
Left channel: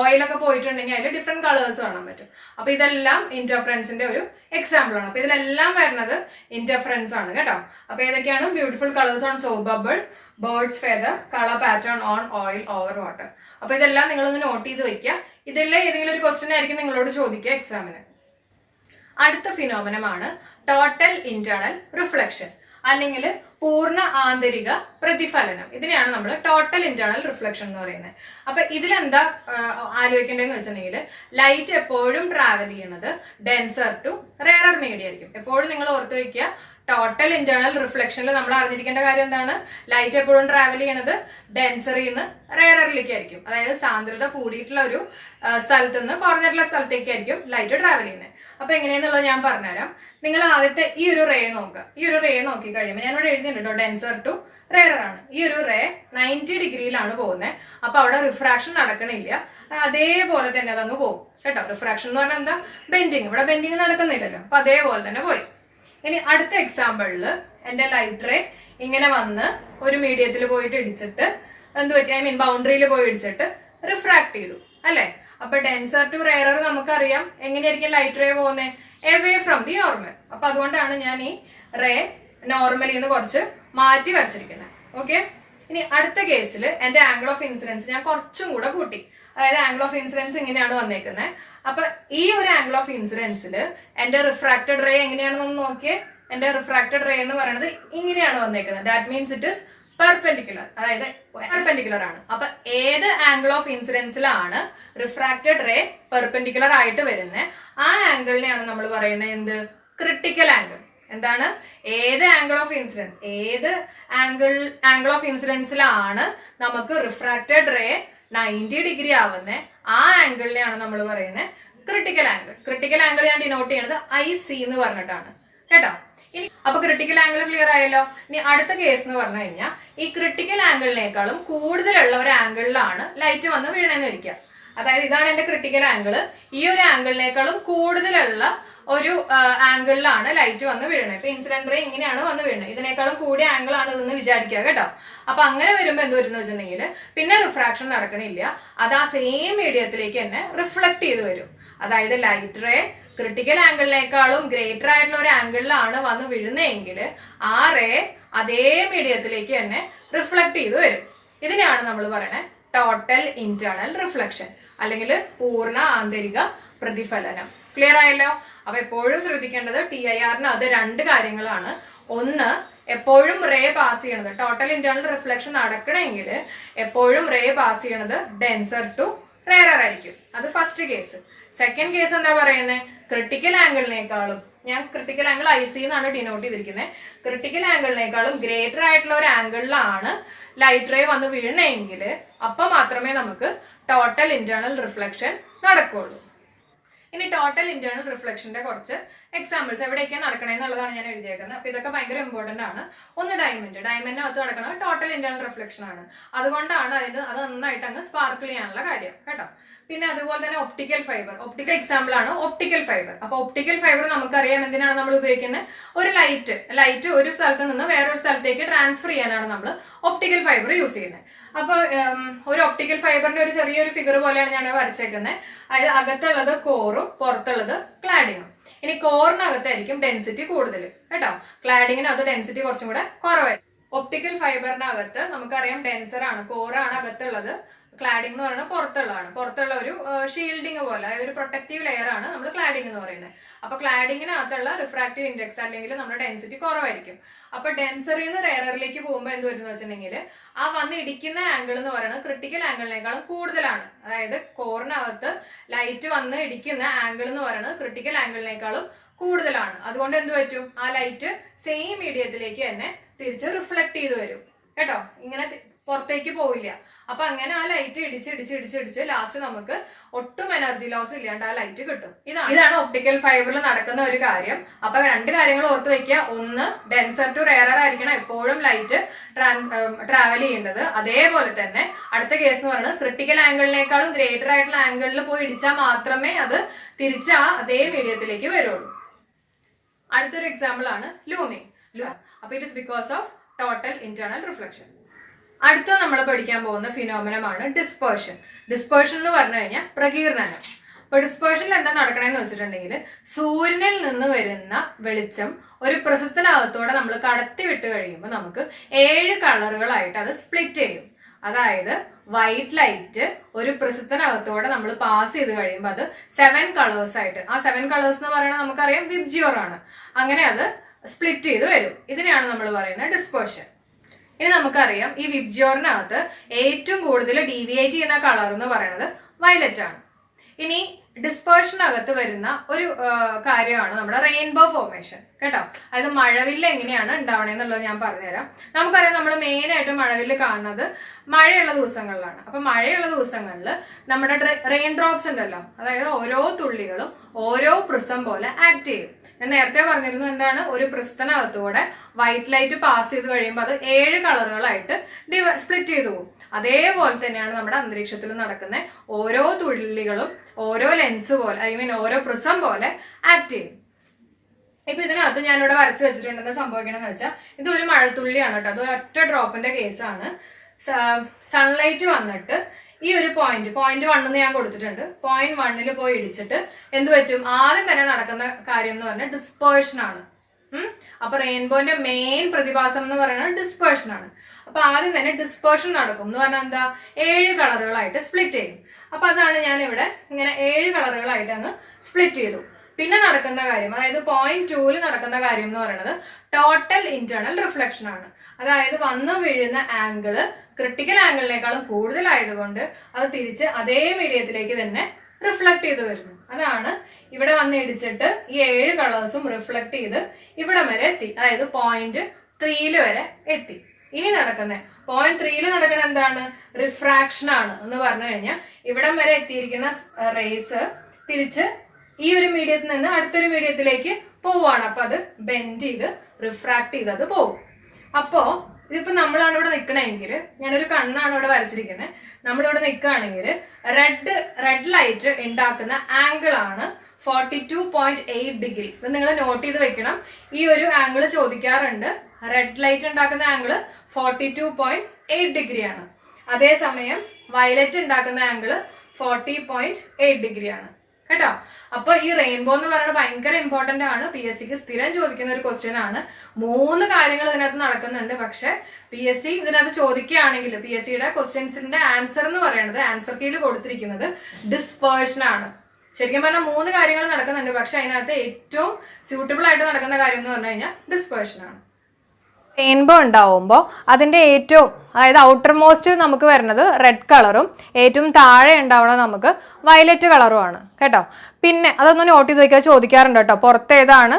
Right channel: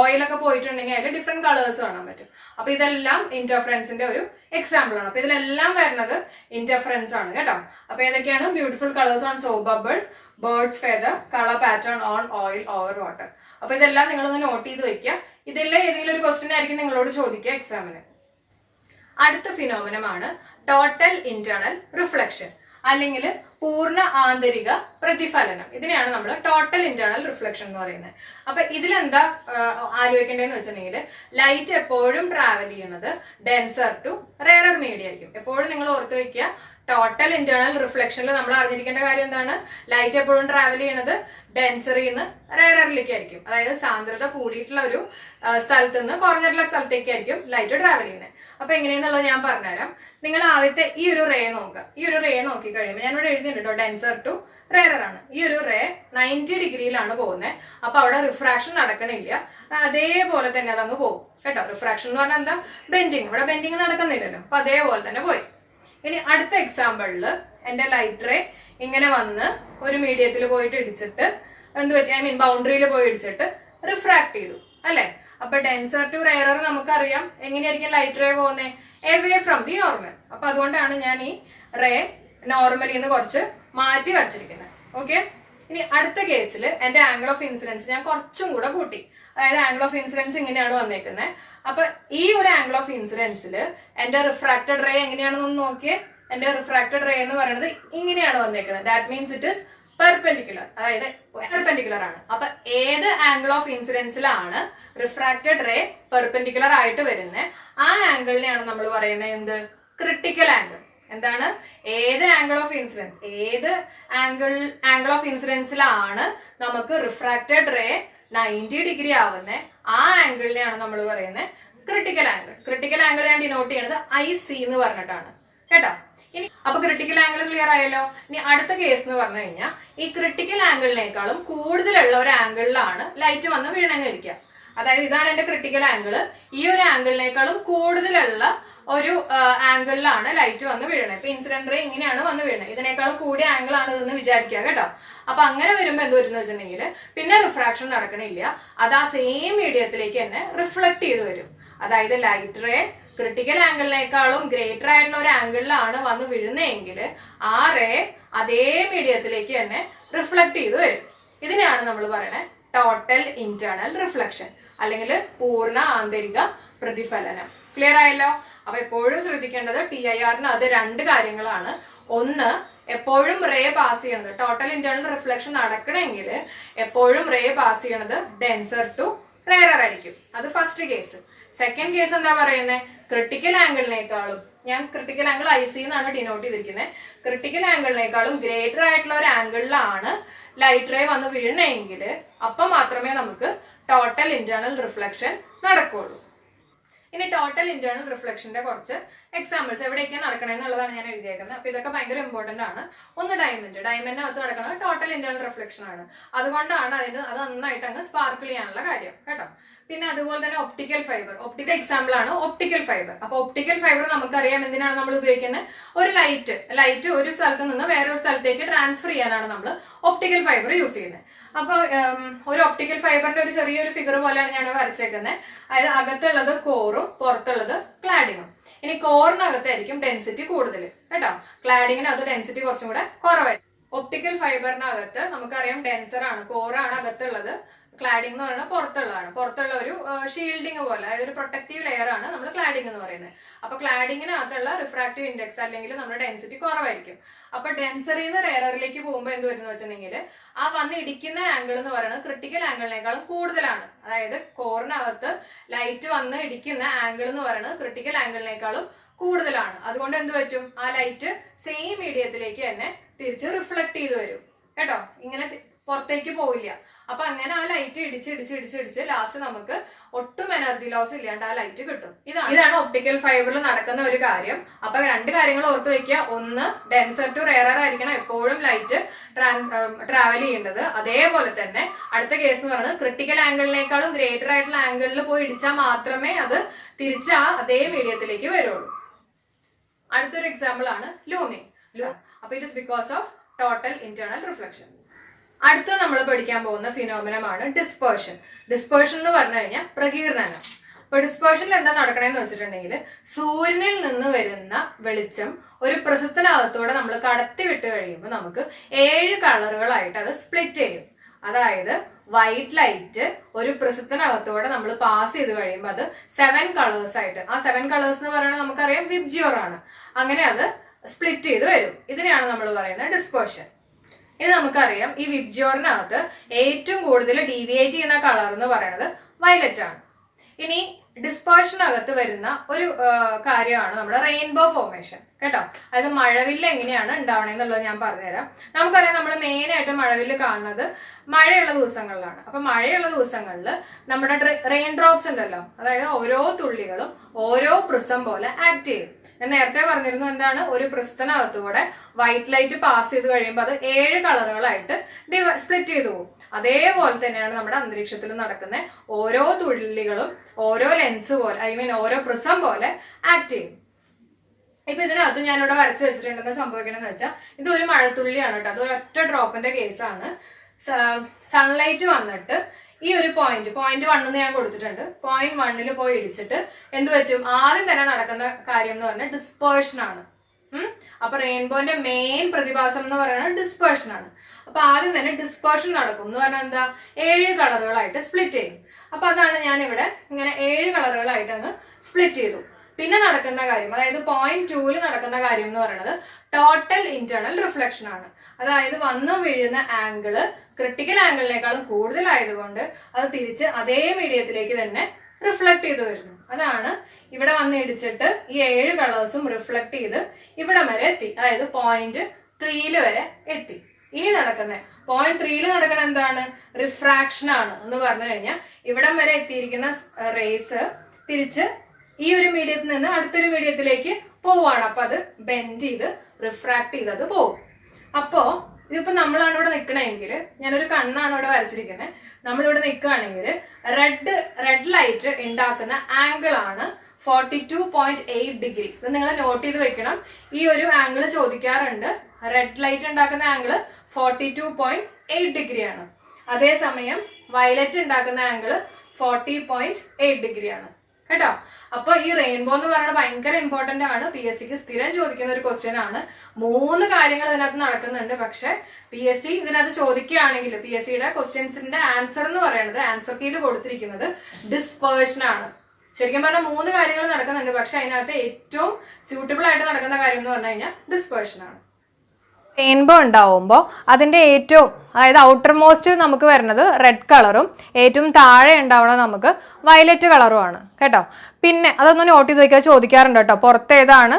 ഓയിലൊക്കെ പോയിട്ടുണ്ടെങ്കിൽ അതിൽ ഡിഫറെന്റ് കളേഴ്സ് കാണാൻ പറ്റും. അപ്പൊ ഇതെല്ലാം ഇന്റർഫറൻസിന്റെ ഒരു എക്സാമ്പിൾ ആണ്. അപ്പൊ ഇതിലെല്ലാം വരുന്നത് ഇന്റർഫറൻസ് ആണ് കേട്ടോ. അപ്പൊ ഏതൊക്കെയാണ്? Beautiful colours on soap bubble, birds feather, colour pattern on oil over water. അപ്പൊ ഇതെല്ലാം നിങ്ങളൊന്ന് നോട്ട് ചെയ്ത് വെക്കുക. ഇതെല്ലാം ഏതെങ്കിലും ഒരു ക്വസ്റ്റ്യൻ ആയിരിക്കും നിങ്ങളോട് ചോദിക്കുക എക്സാമിന്. അടുത്ത ഫിനോമിനമാണ് ടോട്ടൽ ഇന്റേണൽ റിഫ്ലക്ഷൻ അല്ലെങ്കിൽ പൂർണ്ണ ആന്തരിക പ്രതിഫലനം. ഇതിനെയാണ് നമ്മൾ ടോട്ടൽ ഇന്റേണൽ റിഫ്ലക്ഷൻ എന്ന് പറയുന്നത്. അപ്പൊ ഇതിലെന്താ ആലോചിക്കേണ്ടതെന്ന് വെച്ചിട്ടുണ്ടെങ്കിൽ ലൈറ്റ് എപ്പോഴും ട്രാവൽ ചെയ്യുന്നത് ഡെൻസർ ടു റെയറർ മീഡിയ ആയിരിക്കും. എപ്പോഴും നിങ്ങൾ ഓർത്ത് വെക്കുക, ടോട്ടൽ ഇന്റേണൽ റിഫ്ലക്ഷനിൽ നമ്മൾ അറിഞ്ഞിരിക്കേണ്ട കാര്യം എന്താണ്? ലൈറ്റ് എപ്പോഴും ട്രാവൽ ചെയ്യുന്നത് ഡെൻസറിൽ നിന്ന് റെയററിലേക്ക് ആയിരിക്കും. അതായത് സാന്ദ്രത കൂടിയിട്ടുള്ള ഒരു സ്ഥലത്ത് നിന്ന് കുറഞ്ഞിട്ടുള്ള സ്ഥലത്തേക്കായിരിക്കും ലൈറ്റ് ട്രാവൽ ചെയ്യുന്നത്. അപ്പൊ എങ്ങനെയെന്നുള്ളത് ഞാൻ പറഞ്ഞുതരാം. നിങ്ങൾ ആദ്യത്തെ ഈ ഒരു റേ നോക്കുക. ഈ ഒരു റേ നോക്കി കഴിയുമ്പോൾ ഞാനിവിടെ എഴുതിയിട്ടുണ്ട് ഡെൻസർ ടു റെയറർ ആണ്. ഈ ഒരു റേ 90 ഡിഗ്രിയിലാണ് പോകുന്നത്. അപ്പൊ അവിടെ റിഫ്രാക്ഷൻ നടക്കണില്ല, അതേപോലെ തന്നെ അതങ്ങ് പോകും കേട്ടോ. റിഫ്രാക്ഷൻ എന്ന് പറഞ്ഞാൽ എന്താ? ബെൻഡിങ്. ഇവിടെ ബെൻഡിങ് നടക്കുന്നില്ലല്ലോ, അപ്പൊ അതേപോലെ തന്നെ പോയി. ഇനി അടുത്ത എക്സാമ്പിളില് എന്റെ ലൈറ്റ് റേ ഇങ്ങനെ വന്ന് ഒരു മീഡിയത്തിൽ പോയിട്ട് ഇടിച്ചിട്ട് എന്ത് പറ്റി? ബൗണ്ടറിയിൽ പോയി ഇടിച്ചിട്ട് റിഫ്രാക്ട് ചെയ്തു അല്ലെ? അപ്പൊ ഡെൻസർ ടു റെയറർ നമുക്കറിയാം എങ്ങനെയായിരിക്കും ലൈറ്റ് റേ പോകുന്നത്? Away from the normal. അപ്പൊ അതുകൊണ്ടാണ് ഞാൻ ഈ റേ നോർമലിൽ നിന്ന് കുറച്ച് മാറ്റി വരച്ചിരിക്കുന്നത്. ഓക്കെ, ഇനി അടുത്ത കേസിൽ എന്റെ ആംഗിൾ ഓഫ് ഇൻസിഡൻസ് ഞാൻ കുറച്ചും കൂടെ കൂട്ടി. അതായത് ആംഗിൾ ഓഫ് ഇൻസിഡൻസ് ഇങ്ങനെയാണ് വന്നേക്കുന്നത്. അപ്പൊ ഈ ഒരു ആംഗിൾ ഓഫ് ഇൻസിഡൻസിൽ എന്റെ റിഫ്രാക്റ്റഡ് റേ എങ്ങനെയാണെന്ന് നോക്കിയേ. എന്റെ റിഫ്രാക്റ്റഡ് റേ എന്ന് പറയുന്നത് ഇങ്ങനെയാണ് വന്നേക്കുന്നത്. That means it is perpendicular, അതായത് പെർപെൻഡിക്കുലർ ആണ്. അപ്പൊ ഏത് ആംഗിൾ ഓഫ് ഇൻസിഡൻസിലാണ് റിഫ്രാക്റ്റഡ് റേ പെർപെൻഡിക്കുലർ ആയിട്ട് വരുന്നത്, ആ ആംഗിളിനെയാണ് നമ്മൾ പറയുന്നത് എന്ത്, ക്രിട്ടിക്കൽ ആംഗിൾ. എന്താണ്, ഏത് ആംഗിൾ ഓഫ് ഇൻസിഡൻസ്, ഏത് ആംഗിൾ ഓഫ് ഇൻസിഡൻസിലാണ് നമുക്ക് റിഫ്രാക്റ്റഡ് റേ 90 ഡിഗ്രി ആവുന്നത്, ആ ആംഗിളിനെയാണ് നമ്മൾ പറയുന്നത് ക്രിട്ടിക്കൽ ആംഗിൾ. ക്രിട്ടിക്കൽ ആംഗിൾ ഞാൻ ഡിനോട്ട് ചെയ്യുന്നത് IC എന്ന് പറഞ്ഞിട്ടാണ് കേട്ടോ. ഇനി അപ്പൊ ക്രിട്ടിക്കൽ ആംഗിൾ ക്ലിയർ ആയല്ലോ. ഇനി അടുത്ത കേസ് എന്ന് പറഞ്ഞു കഴിഞ്ഞാൽ ഈ ക്രിട്ടിക്കൽ ആംഗിളിനേക്കാളും കൂടുതലുള്ള ഒരു ആംഗിളിലാണ് ലൈറ്റ് വന്ന് വീണെന്ന് ഇരിക്കുക. അതായത് ഇതാണ് എന്റെ ക്രിട്ടിക്കൽ ആംഗിൾ, ഈ ഒരു ആംഗിളിനേക്കാളും കൂടുതലുള്ള ഒരു ആംഗിളിലാണ് ലൈറ്റ് വന്ന് വീഴുന്നത്. ഇപ്പൊ ഇൻസിഡന്റ് റേ ഇങ്ങനെയാണ് വന്ന് വീഴുന്നത്, ഇതിനേക്കാളും കൂടിയ ആംഗിൾ ആണ് ഇതെന്ന് വിചാരിക്കുക കേട്ടോ. അപ്പൊ അങ്ങനെ വരുമ്പോ എന്ത് വരുന്ന വെച്ചിട്ടുണ്ടെങ്കിൽ പിന്നെ റിഫ്രാക്ഷൻ നടക്കണില്ല, അത് ആ സെയിം മീഡിയത്തിലേക്ക് തന്നെ റിഫ്ലക്ട് ചെയ്ത് വരും. അതായത് ലൈറ്റ് റേ ക്രിട്ടിക്കൽ ആംഗിളിനേക്കാളും ഗ്രേറ്റർ ആയിട്ടുള്ള ഒരു ആംഗിളിലാണ് വന്ന് വീഴുന്നതെങ്കിൽ ആ റേ അതേ മീഡിയത്തിലേക്ക് തന്നെ റിഫ്ലക്ട് ചെയ്ത് വരും. ഇതിനെയാണ് നമ്മൾ പറയുന്നത് ടോട്ടൽ ഇന്റേണൽ റിഫ്ലക്ഷൻ അല്ലെങ്കിൽ പൂർണ്ണ ആന്തരിക പ്രതിഫലനം. ക്ലിയർ ആയല്ലോ. അപ്പൊ എപ്പോഴും ശ്രദ്ധിക്കേണ്ടത് TIRന് അത് രണ്ട് കാര്യങ്ങളാണ്. ഒന്ന്, എപ്പോഴും റേ പാസ് ചെയ്യണത്, ടോട്ടൽ ഇന്റേണൽ റിഫ്ലക്ഷൻ നടക്കണമെങ്കിൽ എപ്പോഴും റേ പാസ് ചെയ്യണത് ഡെൻസർ ടു റെയറർ ആയിരിക്കും. അത് ഫസ്റ്റ് കേസ്. സെക്കൻഡ് കേസ് എന്താ പറയുന്നത്, ക്രിട്ടിക്കൽ ആംഗിളിനേക്കാളും, ഞാൻ ക്രിട്ടിക്കൽ ആംഗിൾ IC എന്നാണ് ഡിനോട്ട് ചെയ്തിരിക്കുന്നത്, ക്രിട്ടിക്കൽ ആംഗിളിനേക്കാളും ഗ്രേറ്റർ ആയിട്ടുള്ള ഒരു ആംഗിളിലാണ് ലൈറ്റ് റേ വന്ന് വീഴണമെങ്കിൽ അപ്പൊ മാത്രമേ നമുക്ക് ടോട്ടൽ ഇന്റേണൽ റിഫ്ലക്ഷൻ നടക്കുള്ളൂ. ഇനി ടോട്ടൽ ഇന്റേണൽ റിഫ്ലക്ഷന്റെ കുറച്ച് എക്സാമ്പിൾസ് എവിടെയൊക്കെയാണ് നടക്കണമെന്നുള്ളതാണ് ഞാൻ എഴുതിയേക്കുന്നത്. അപ്പൊ ഇതൊക്കെ ഭയങ്കര ഇമ്പോർട്ടന്റ് ആണ്. ഒന്ന് ഡയമണ്ടിനകത്ത് നടക്കുന്നത് ടോട്ടൽ ഇന്റേണൽ റിഫ്ലക്ഷൻ ആണ്. അതുകൊണ്ടാണ് അത് നന്നായിട്ട് അങ്ങ് സ്പാർക്കിൾ ചെയ്യാനുള്ള കാര്യം കേട്ടോ. പിന്നെ അതുപോലെ തന്നെ ഒപ്റ്റിക്കൽ ഫൈബർ, ഒപ്റ്റിക്കൽ എക്സാമ്പിൾ ആണ് ഒപ്റ്റിക്കൽ ഫൈബർ. അപ്പൊ ഒപ്റ്റിക്കൽ ഫൈബർ നമുക്കറിയാം എന്തിനാണ് നമ്മൾ ഉപയോഗിക്കുന്നത്, ഒരു ലൈറ്റ് ഒരു സ്ഥലത്ത് നിന്ന് വേറൊരു സ്ഥലത്തേക്ക് ട്രാൻസ്ഫർ ചെയ്യാനാണ് നമ്മൾ ഒപ്റ്റിക്കൽ ഫൈബർ യൂസ് ചെയ്യുന്നത്. അപ്പൊ ഒരു ഒപ്റ്റിക്കൽ ഫൈബറിന്റെ ഒരു ചെറിയൊരു ഫിഗർ പോലെയാണ് ഞാൻ വരച്ചേക്കുന്നത്. അതായത് അകത്തുള്ളത് കോറും പുറത്തുള്ളത് ക്ലാഡിങ്ങും. ഇനി കോറിനകത്തായിരിക്കും ഡെൻസിറ്റി കൂടുതൽ കേട്ടോ, ക്ലാഡിങ്ങിനകത്ത് ഡെൻസിറ്റി കുറച്ചും കൂടെ കുറവായിരിക്കും. ഒപ്റ്റിക്കൽ ഫൈബറിനകത്ത് നമുക്കറിയാം ഡെൻസർ ആണ്, കോറാണ് അകത്തുള്ളത്, ക്ലാഡിംഗ് എന്ന് പറയുന്നത് പുറത്തുള്ള ഒരു ഷീൽഡിങ് പോലെ, ഒരു പ്രൊട്ടക്റ്റീവ് ലെയർ ആണ് നമ്മൾ ക്ലാഡിംഗ് എന്ന് പറയുന്നത്. അപ്പൊ ക്ലാഡിങ്ങിനകത്തുള്ള റിഫ്രാക്റ്റീവ് ഇൻഡെക്സ് അല്ലെങ്കിൽ നമ്മുടെ ഡെൻസിറ്റി കുറവായിരിക്കും. അപ്പൊ ഡെൻസറിൽ നിന്ന് റെയറിലേക്ക് പോകുമ്പോൾ എന്ത് വരുന്ന വെച്ചിട്ടുണ്ടെങ്കിൽ ആ വന്ന് ഇടിക്കുന്ന ആംഗിൾ എന്ന് പറയുന്നത് ക്രിട്ടിക്കൽ ആംഗിളിനേക്കാളും കൂടുതലാണ്. അതായത് കോറിനകത്ത് ലൈറ്റ് വന്ന് ഇടിക്കുന്ന ആംഗിൾ എന്ന് പറയുന്നത് ക്രിട്ടിക്കൽ ആംഗിളിനേക്കാളും കൂടുതലാണ്. അതുകൊണ്ട് എന്ത് പറ്റും, ആ ലൈറ്റ് സെയിം മീഡിയത്തിലേക്ക് തന്നെ തിരിച്ച് റിഫ്ലക്ട് ചെയ്ത് വരും കേട്ടോ, ഇങ്ങനെ പുറത്തേക്ക് പോവില്ല. അപ്പൊ അങ്ങനെ ആ ലൈറ്റ് ഇടിച്ച് ലാസ്റ്റ് നമുക്ക് ഒട്ടും എനർജി ലോസ് ഇല്ലാണ്ട് ആ ലൈറ്റ് കിട്ടും. ഇതാണ് ഒപ്റ്റിക്കൽ ഫൈബറിൽ നടക്കുന്ന ഒരു കാര്യം. അപ്പൊ രണ്ട് കാര്യങ്ങൾ ഓർത്ത് വെക്കുക. ഒന്ന്, ഡെൻസർ ടു റെയറർ ആയിരിക്കണം എപ്പോഴും ലൈറ്റ് ട്രാവൽ ചെയ്യേണ്ടത്. അതേപോലെ തന്നെ അടുത്ത കേസ് എന്ന് പറയുന്നത് ക്രിട്ടിക്കൽ ആംഗിളിനേക്കാളും ഗ്രേറ്റർ ആയിട്ടുള്ള ആംഗിളിൽ പോയി ഇടിച്ചാൽ മാത്രമേ അത് തിരിച്ച് ആ അതേ മീഡിയത്തിലേക്ക് വരുള്ളൂ. അടുത്തൊരു എക്സാമ്പിൾ ആണ് ലൂമിങ്. അപ്പൊ it is because of total internal reflection. അടുത്ത നമ്മൾ പഠിക്കാൻ പോകുന്ന ഫിനോമിനമാണ് ഡിസ്പേർഷൻ. ഡിസ്പേർഷൻ എന്ന് പറഞ്ഞു കഴിഞ്ഞാൽ പ്രകീർണനം. അപ്പൊ ഡിസ്പേർഷനിൽ എന്താ നടക്കണേന്ന് വെച്ചിട്ടുണ്ടെങ്കിൽ സൂര്യനിൽ നിന്ന് വരുന്ന വെളിച്ചം ഒരു പ്രിസത്തിനകത്തൂടെ നമ്മൾ കടത്തി വിട്ട് കഴിയുമ്പോൾ നമുക്ക് 7 കളറുകളായിട്ട് അത് സ്പ്ലിറ്റ് ചെയ്യും. അതായത് വൈറ്റ് ലൈറ്റ് ഒരു പ്രിസത്തിനകത്തൂടെ നമ്മൾ പാസ് ചെയ്ത് കഴിയുമ്പോൾ അത് 7 കളേഴ്സ് ആയിട്ട്, ആ 7 കളേഴ്സ് എന്ന് പറയുന്നത് നമുക്കറിയാം വിബ്ജിയോർ ആണ്, അങ്ങനെ അത് സ്പ്ലിറ്റ് ചെയ്ത് വരും. ഇതിനെയാണ് നമ്മൾ പറയുന്നത് ഡിസ്പേർഷൻ. ഇനി നമുക്കറിയാം ഈ വിബ്ജിയോറിനകത്ത് ഏറ്റവും കൂടുതൽ ഡീവിയേറ്റ് ചെയ്യുന്ന കളർ എന്ന് പറയുന്നത് വയലറ്റ് ആണ്. ഇനി ഡിസ്പേർഷനകത്ത് വരുന്ന ഒരു കാര്യമാണ് നമ്മുടെ റെയിൻബോ ഫോർമേഷൻ കേട്ടോ. അതായത് മഴവില്ല് എങ്ങനെയാണ് ഉണ്ടാവണേന്നുള്ളത് ഞാൻ പറഞ്ഞുതരാം. നമുക്കറിയാം നമ്മൾ മെയിൻ ആയിട്ട് മഴവില്ല് കാണുന്നത് മഴയുള്ള ദിവസങ്ങളിലാണ്. അപ്പൊ മഴയുള്ള ദിവസങ്ങളിൽ നമ്മുടെ റെയിൻ ഡ്രോപ്സ് ഉണ്ടല്ലോ, അതായത് ഓരോ തുള്ളികളും ഓരോ പ്രിസം പോലെ ആക്ട് ചെയ്യും. ഞാൻ നേരത്തെ പറഞ്ഞിരുന്നു എന്താണ്, ഒരു പ്രിസത്തിനകത്തൂടെ വൈറ്റ് ലൈറ്റ് പാസ് ചെയ്ത് കഴിയുമ്പോൾ അത് 7 കളറുകളായിട്ട് സ്പ്ലിറ്റ് ചെയ്തു പോകും. അതേപോലെ തന്നെയാണ് നമ്മുടെ അന്തരീക്ഷത്തിൽ നടക്കുന്ന ഓരോ തുള്ളികളും ഓരോ ലെൻസ് പോലെ, ഓരോ പ്രിസം പോലെ ആക്ട് ചെയ്യും. ഇപ്പൊ ഇതിനകത്ത് ഞാനിവിടെ വരച്ചു വെച്ചിട്ടുണ്ടെന്ന് സംഭവിക്കണമെന്ന് വെച്ചാൽ ഇത് ഒരു മഴത്തുള്ളിയാണ് കേട്ടോ, അത് ഒരൊറ്റ ഡ്രോപ്പിന്റെ കേസാണ്. സൺലൈറ്റ് വന്നിട്ട് ഈ ഒരു പോയിന്റ് 1 ഞാൻ കൊടുത്തിട്ടുണ്ട്. പോയിന്റ് 1 പോയി ഇടിച്ചിട്ട് എന്ത് പറ്റും, ആദ്യം തന്നെ നടക്കുന്ന കാര്യം എന്ന് പറഞ്ഞാൽ ഡിസ്പേർഷൻ ആണ് അപ്പൊ റെയിൻബോന്റെ മെയിൻ പ്രതിഭാസം എന്ന് പറയുന്നത് ഡിസ്പേർഷൻ ആണ്. അപ്പൊ ആദ്യം തന്നെ ഡിസ്പേർഷൻ നടക്കും എന്ന് പറഞ്ഞാൽ എന്താ, 7 കളറുകളായിട്ട് സ്പ്ലിറ്റ് ചെയ്യും. അപ്പൊ അതാണ് ഞാൻ ഇവിടെ ഇങ്ങനെ 7 കളറുകളായിട്ട് അങ്ങ് സ്പ്ലിറ്റ് ചെയ്തു. പിന്നെ നടക്കുന്ന കാര്യം, അതായത് പോയിന്റ് 2 നടക്കുന്ന കാര്യം എന്ന് പറയുന്നത് ടോട്ടൽ ഇന്റേണൽ റിഫ്ലക്ഷൻ ആണ്. അതായത് വന്നു വീഴുന്ന ആംഗിള് ക്രിട്ടിക്കൽ ആംഗിളിനേക്കാളും കൂടുതലായതുകൊണ്ട് അത് തിരിച്ച് അതേ മീഡിയത്തിലേക്ക് തന്നെ റിഫ്ലക്ട് ചെയ്ത് വരുന്നു. അതാണ് ഇവിടെ വന്ന് ഇടിച്ചിട്ട് ഈ 7 കളേഴ്സും റിഫ്ലക്ട് ചെയ്ത് ഇവിടെ വരെ എത്തി, അതായത് പോയിന്റ് 3 വരെ എത്തി. ഇനി നടക്കുന്നത് പോയിന്റ് 3 നടക്കുന്ന എന്താണ്, റിഫ്രാക്ഷൻ ആണ് എന്ന് പറഞ്ഞു കഴിഞ്ഞാൽ ഇവിടം വരെ എത്തിയിരിക്കുന്ന റേസ് തിരിച്ച് ഈ ഒരു മീഡിയത്തിൽ നിന്ന് അടുത്തൊരു മീഡിയത്തിലേക്ക് പോവുകയാണ്. അപ്പൊ അത് ബെൻഡ് ചെയ്ത് റിഫ്രാക്ട് ചെയ്തത് പോകും. അപ്പോ ഇതിപ്പോ നമ്മളാണ് ഇവിടെ നിൽക്കണമെങ്കിൽ, ഞാനൊരു കണ്ണാണ് ഇവിടെ വരച്ചിരിക്കുന്നത്, നമ്മളിവിടെ നിൽക്കുകയാണെങ്കിൽ റെഡ് ലൈറ്റ് ഉണ്ടാക്കുന്ന ആംഗിൾ ആണ് 42.8 ഡിഗ്രി. ഇത് നിങ്ങൾ നോട്ട് ചെയ്ത് വെക്കണം. ഈ ഒരു ആംഗിൾ ചോദിക്കാറുണ്ട്. റെഡ് ലൈറ്റ് ഉണ്ടാക്കുന്ന ആംഗിൾ 42.8 ഡിഗ്രി ആണ്. അതേസമയം വയലറ്റ് ഉണ്ടാക്കുന്ന ആംഗിൾ 40.8 ഡിഗ്രി ആണ് കേട്ടോ. അപ്പൊ ഈ റെയിൻബോ എന്ന് പറയുന്നത് ഭയങ്കര ഇമ്പോർട്ടന്റ് ആണ്. PSC സ്ഥിരം ചോദിക്കുന്ന ഒരു ക്വസ്റ്റ്യൻ ആണ്. 3 കാര്യങ്ങൾ ഇതിനകത്ത് നടക്കുന്നുണ്ട്. പക്ഷെ PSC ഇതിനകത്ത് ചോദിക്കുകയാണെങ്കിൽ PSCയുടെ ക്വസ്റ്റ്യൻസിന്റെ ആൻസർ എന്ന് പറയുന്നത് ആൻസർ കീയിൽ കൊടുത്തിരിക്കുന്നത് ഡിസ്പേർഷൻ ആണ്. ശരിക്കും പറഞ്ഞാൽ 3 കാര്യങ്ങൾ നടക്കുന്നുണ്ട്. പക്ഷെ അതിനകത്ത് ഏറ്റവും സ്യൂട്ടബിൾ ആയിട്ട് നടക്കുന്ന കാര്യം എന്ന് പറഞ്ഞു കഴിഞ്ഞാൽ ഡിസ്പേർഷൻ ആണ്. റെയിൻബോ ഉണ്ടാവുമ്പോൾ അതിൻ്റെ ഏറ്റവും, അതായത് ഔട്ടർ മോസ്റ്റ് നമുക്ക് വരുന്നത് റെഡ് കളറും ഏറ്റവും താഴെ ഉണ്ടാവുന്നത് നമുക്ക് വയലറ്റ് കളറുമാണ് കേട്ടോ. പിന്നെ അതൊന്ന് നോട്ട് ചെയ്ത് വയ്ക്കാൻ ചോദിക്കാറുണ്ട് കേട്ടോ, പുറത്ത് ഏതാണ്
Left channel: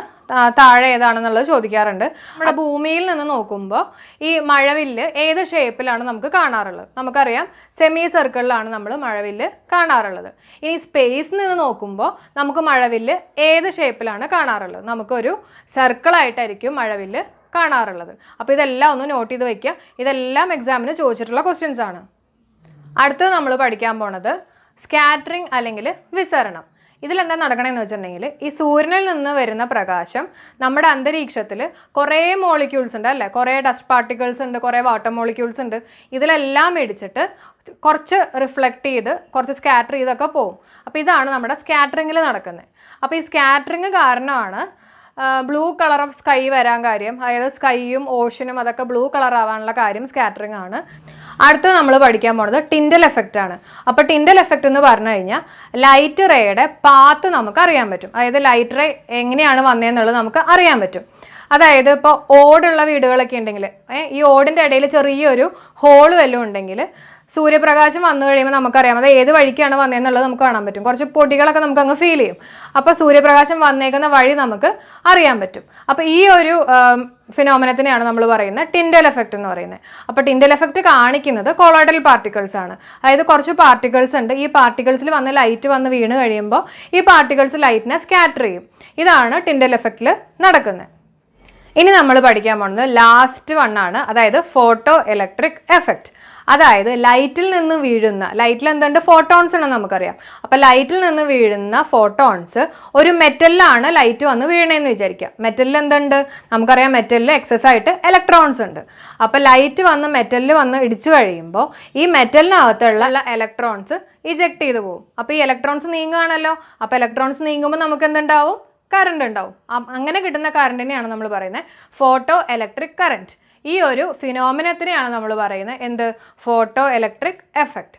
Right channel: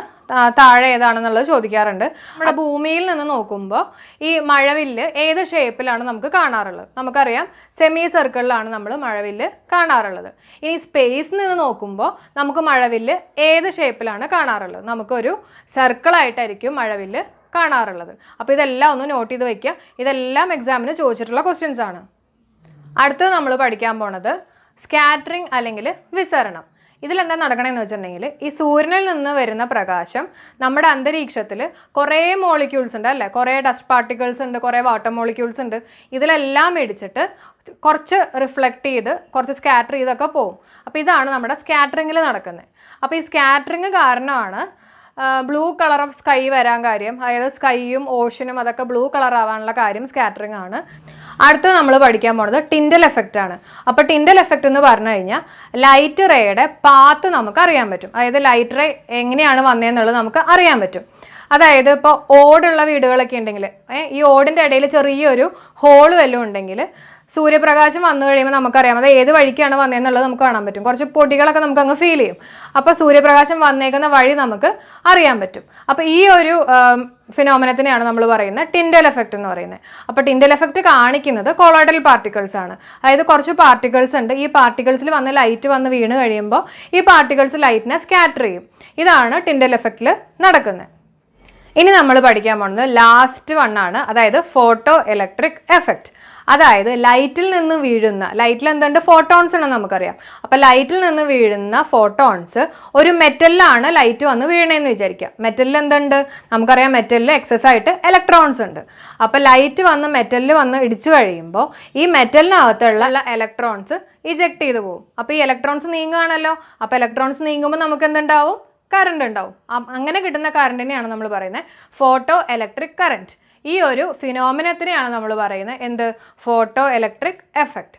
താഴെ ഏതാണെന്നുള്ളത് ചോദിക്കാറുണ്ട്. നമ്മുടെ ഭൂമിയിൽ നിന്ന് നോക്കുമ്പോൾ ഈ മഴവില്ല് ഏത് ഷേപ്പിലാണ് നമുക്ക് കാണാറുള്ളത്? നമുക്കറിയാം സെമി സർക്കിളിലാണ് നമ്മൾ മഴവില്ല് കാണാറുള്ളത്. ഇനി സ്പേസിൽ നിന്ന് നോക്കുമ്പോൾ നമുക്ക് മഴവില്ല് ഏത് ഷേപ്പിലാണ് കാണാറുള്ളത്? നമുക്കൊരു സർക്കിളായിട്ടായിരിക്കും മഴവില്ല് കാണാറുള്ളത്. അപ്പോൾ ഇതെല്ലാം ഒന്ന് നോട്ട് ചെയ്ത് വയ്ക്കുക. ഇതെല്ലാം എക്സാമിന് ചോദിച്ചിട്ടുള്ള ക്വസ്റ്റ്യൻസ് ആണ്. അടുത്തത് നമ്മൾ പഠിക്കാൻ പോണത് സ്കാറ്ററിങ് അല്ലെങ്കിൽ വിസരണം. ഇതിലെന്താ നടക്കണമെന്ന് വെച്ചിട്ടുണ്ടെങ്കിൽ, ഈ സൂര്യനിൽ നിന്ന് വരുന്ന പ്രകാശം നമ്മുടെ അന്തരീക്ഷത്തിൽ കുറേ മോളിക്യൂൾസ് ഉണ്ട് അല്ലേ, കുറേ ഡസ്റ്റ് പാർട്ടിക്കിൾസ് ഉണ്ട്, കുറേ വാട്ടർ മോളിക്യൂൾസ് ഉണ്ട്. ഇതിലെല്ലാം ഇടിച്ചിട്ട് കുറച്ച് റിഫ്ലക്റ്റ് ചെയ്ത് കുറച്ച് സ്കാറ്റർ ചെയ്തൊക്കെ പോകും. അപ്പോൾ ഇതാണ് നമ്മുടെ സ്കാറ്ററിങ്ങിൽ നടക്കുന്നത്. അപ്പോൾ ഈ സ്കാറ്ററിങ് കാരണമാണ് ബ്ലൂ കളർ ഓഫ് സ്കൈ വരാൻ കാര്യം, അതായത് സ്കൈയും ഓഷനും അതൊക്കെ ബ്ലൂ കളർ ആവാനുള്ള കാര്യം സ്കാറ്ററിങ് ആണ്. അടുത്തത് നമ്മൾ പഠിക്കാൻ പോണത് ടിൻഡൽ എഫക്റ്റ് ആണ്. അപ്പോൾ ടിൻഡൽ എഫക്റ്റ് എന്ന് പറഞ്ഞു കഴിഞ്ഞാൽ ലൈറ്റ് റേയുടെ പാത്ത് നമുക്ക് അറിയാൻ പറ്റും. അതായത് ലൈറ്റ് റേ എങ്ങനെയാണ് വന്നതെന്നുള്ളത് നമുക്ക് അറിയാൻ പറ്റും. അതായത് ഇപ്പോൾ ഓടുള്ള വീടുകളൊക്കെ ഉണ്ടെങ്കിൽ, ഈ ഓടിൻ്റെ ഇടയിൽ ചെറിയൊരു ഹോൾ വല്ലതും ഉണ്ടെങ്കിൽ സൂര്യപ്രകാശം വന്നു കഴിയുമ്പോൾ നമുക്കറിയാം അത് ഏത് വഴിക്കാണ് വന്നതെന്നുള്ളത് നമുക്ക് കാണാൻ പറ്റും. കുറച്ച് പൊടികളൊക്കെ നമുക്ക് അങ്ങ് ഫീൽ ചെയ്യും. അപ്പോൾ സൂര്യപ്രകാശം വന്നേക്കുന്ന വഴി നമുക്ക് അറിയാൻ പറ്റും. അപ്പോൾ ഈ ഒരു ഫിനോമിനത്തിനെയാണ് നമ്മൾ പറയുന്നത് ടിൻഡൽ എഫക്റ്റ് എന്ന് പറയുന്നത്. അപ്പോൾ ടിൻഡൽ എഫക്റ്റ് കാണിക്കുന്നത് കൊളോയിഡൽ പാർട്ടിക്കിൾസ് ആണ്. അതായത് കുറച്ച് പാർട്ടിക്കിൾസ് ഉണ്ട്. ഈ പാർട്ടിക്കിൾസിൽ വന്ന് ലൈറ്റ് വന്ന് വീണ് കഴിയുമ്പോൾ ഈ പാർട്ടിക്കിൾസ് ലൈറ്റിനെ സ്കാറ്റർ ചെയ്യും. ഇതാണ് ടിൻഡൽ എഫക്റ്റിൽ നടക്കുന്നത്. ഇനി നമ്മൾ പഠിക്കാൻ പോകുന്നത് ലാസ്റ്റ് വണ്ണാണ്, അതായത് ഫോട്ടോ ഇലക്ട്രിക് എഫക്റ്റ്. അതായത് ലൈറ്റിൽ നിന്ന് വീഴുന്ന, ലൈറ്റിൽ എന്തുണ്ട്, ഫോട്ടോൺസ് ഉണ്ടെന്ന് നമുക്കറിയാം. അപ്പോൾ ലൈറ്റിൽ നിന്ന് വീഴുന്ന ഫോട്ടോൺസ് ഒരു മെറ്റലിലാണ് ലൈറ്റ് വന്ന് വീഴണമെന്ന് വിചാരിക്കുക. മെറ്റലിൽ എന്തുണ്ട്, നമുക്കറിയാം മെറ്റലിൽ എക്സസ് ആയിട്ട് ഇലക്ട്രോൺസ് ഉണ്ട്. അപ്പോൾ ലൈറ്റ് വന്ന് മെറ്റലിൽ വന്ന് ഇടിച്ചു കഴിയുമ്പോൾ ഈ മെറ്റലിനകത്തുള്ള ഇലക്ട്രോൺസ് ഇജക്ട് ചെയ്ത് പോകും. അപ്പോൾ ഈ ഇലക്ട്രോൺസ് നീങ്ങുകയാണല്ലോ. അപ്പോൾ ഇലക്ട്രോൺസ് നീങ്ങുമ്പോൾ നമുക്ക് എന്തുണ്ടാവും, കറണ്ട് ഉണ്ടാവും. അങ്ങനെ കിട്ടുന്ന കറണ്ടിനെയാണ് നമ്മൾ പറയുന്നത് ഫോട്ടോ ഇലക്ട്രിക് കറണ്ട്. ഈ ഒരു ഫിനോമിനത്തിനെയാണ് നമ്മൾ പറയുന്നത് എന്ത്, ഫോട്ടോ ഇലക്ട്രിക് എഫക്റ്റ്.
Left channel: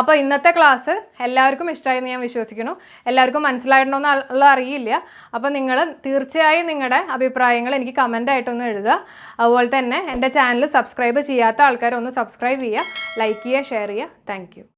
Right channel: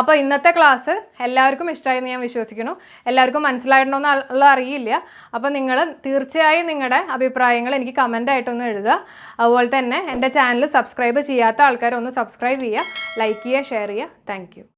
അപ്പോൾ ഇന്നത്തെ ക്ലാസ് എല്ലാവർക്കും ഇഷ്ടമായെന്ന് ഞാൻ വിശ്വസിക്കുന്നു. എല്ലാവർക്കും മനസ്സിലായിട്ടുണ്ടോയെന്നുള്ള അറിയില്ല. അപ്പോൾ നിങ്ങൾ തീർച്ചയായും നിങ്ങളുടെ അഭിപ്രായങ്ങൾ എനിക്ക് കമൻ്റായിട്ടൊന്ന് എഴുതുക. അതുപോലെ തന്നെ എൻ്റെ ചാനൽ സബ്സ്ക്രൈബ് ചെയ്യാത്ത ആൾക്കാരൊന്ന് സബ്സ്ക്രൈബ് ചെയ്യുക, ലൈക്ക് ചെയ്യുക, ഷെയർ ചെയ്യുക. താങ്ക്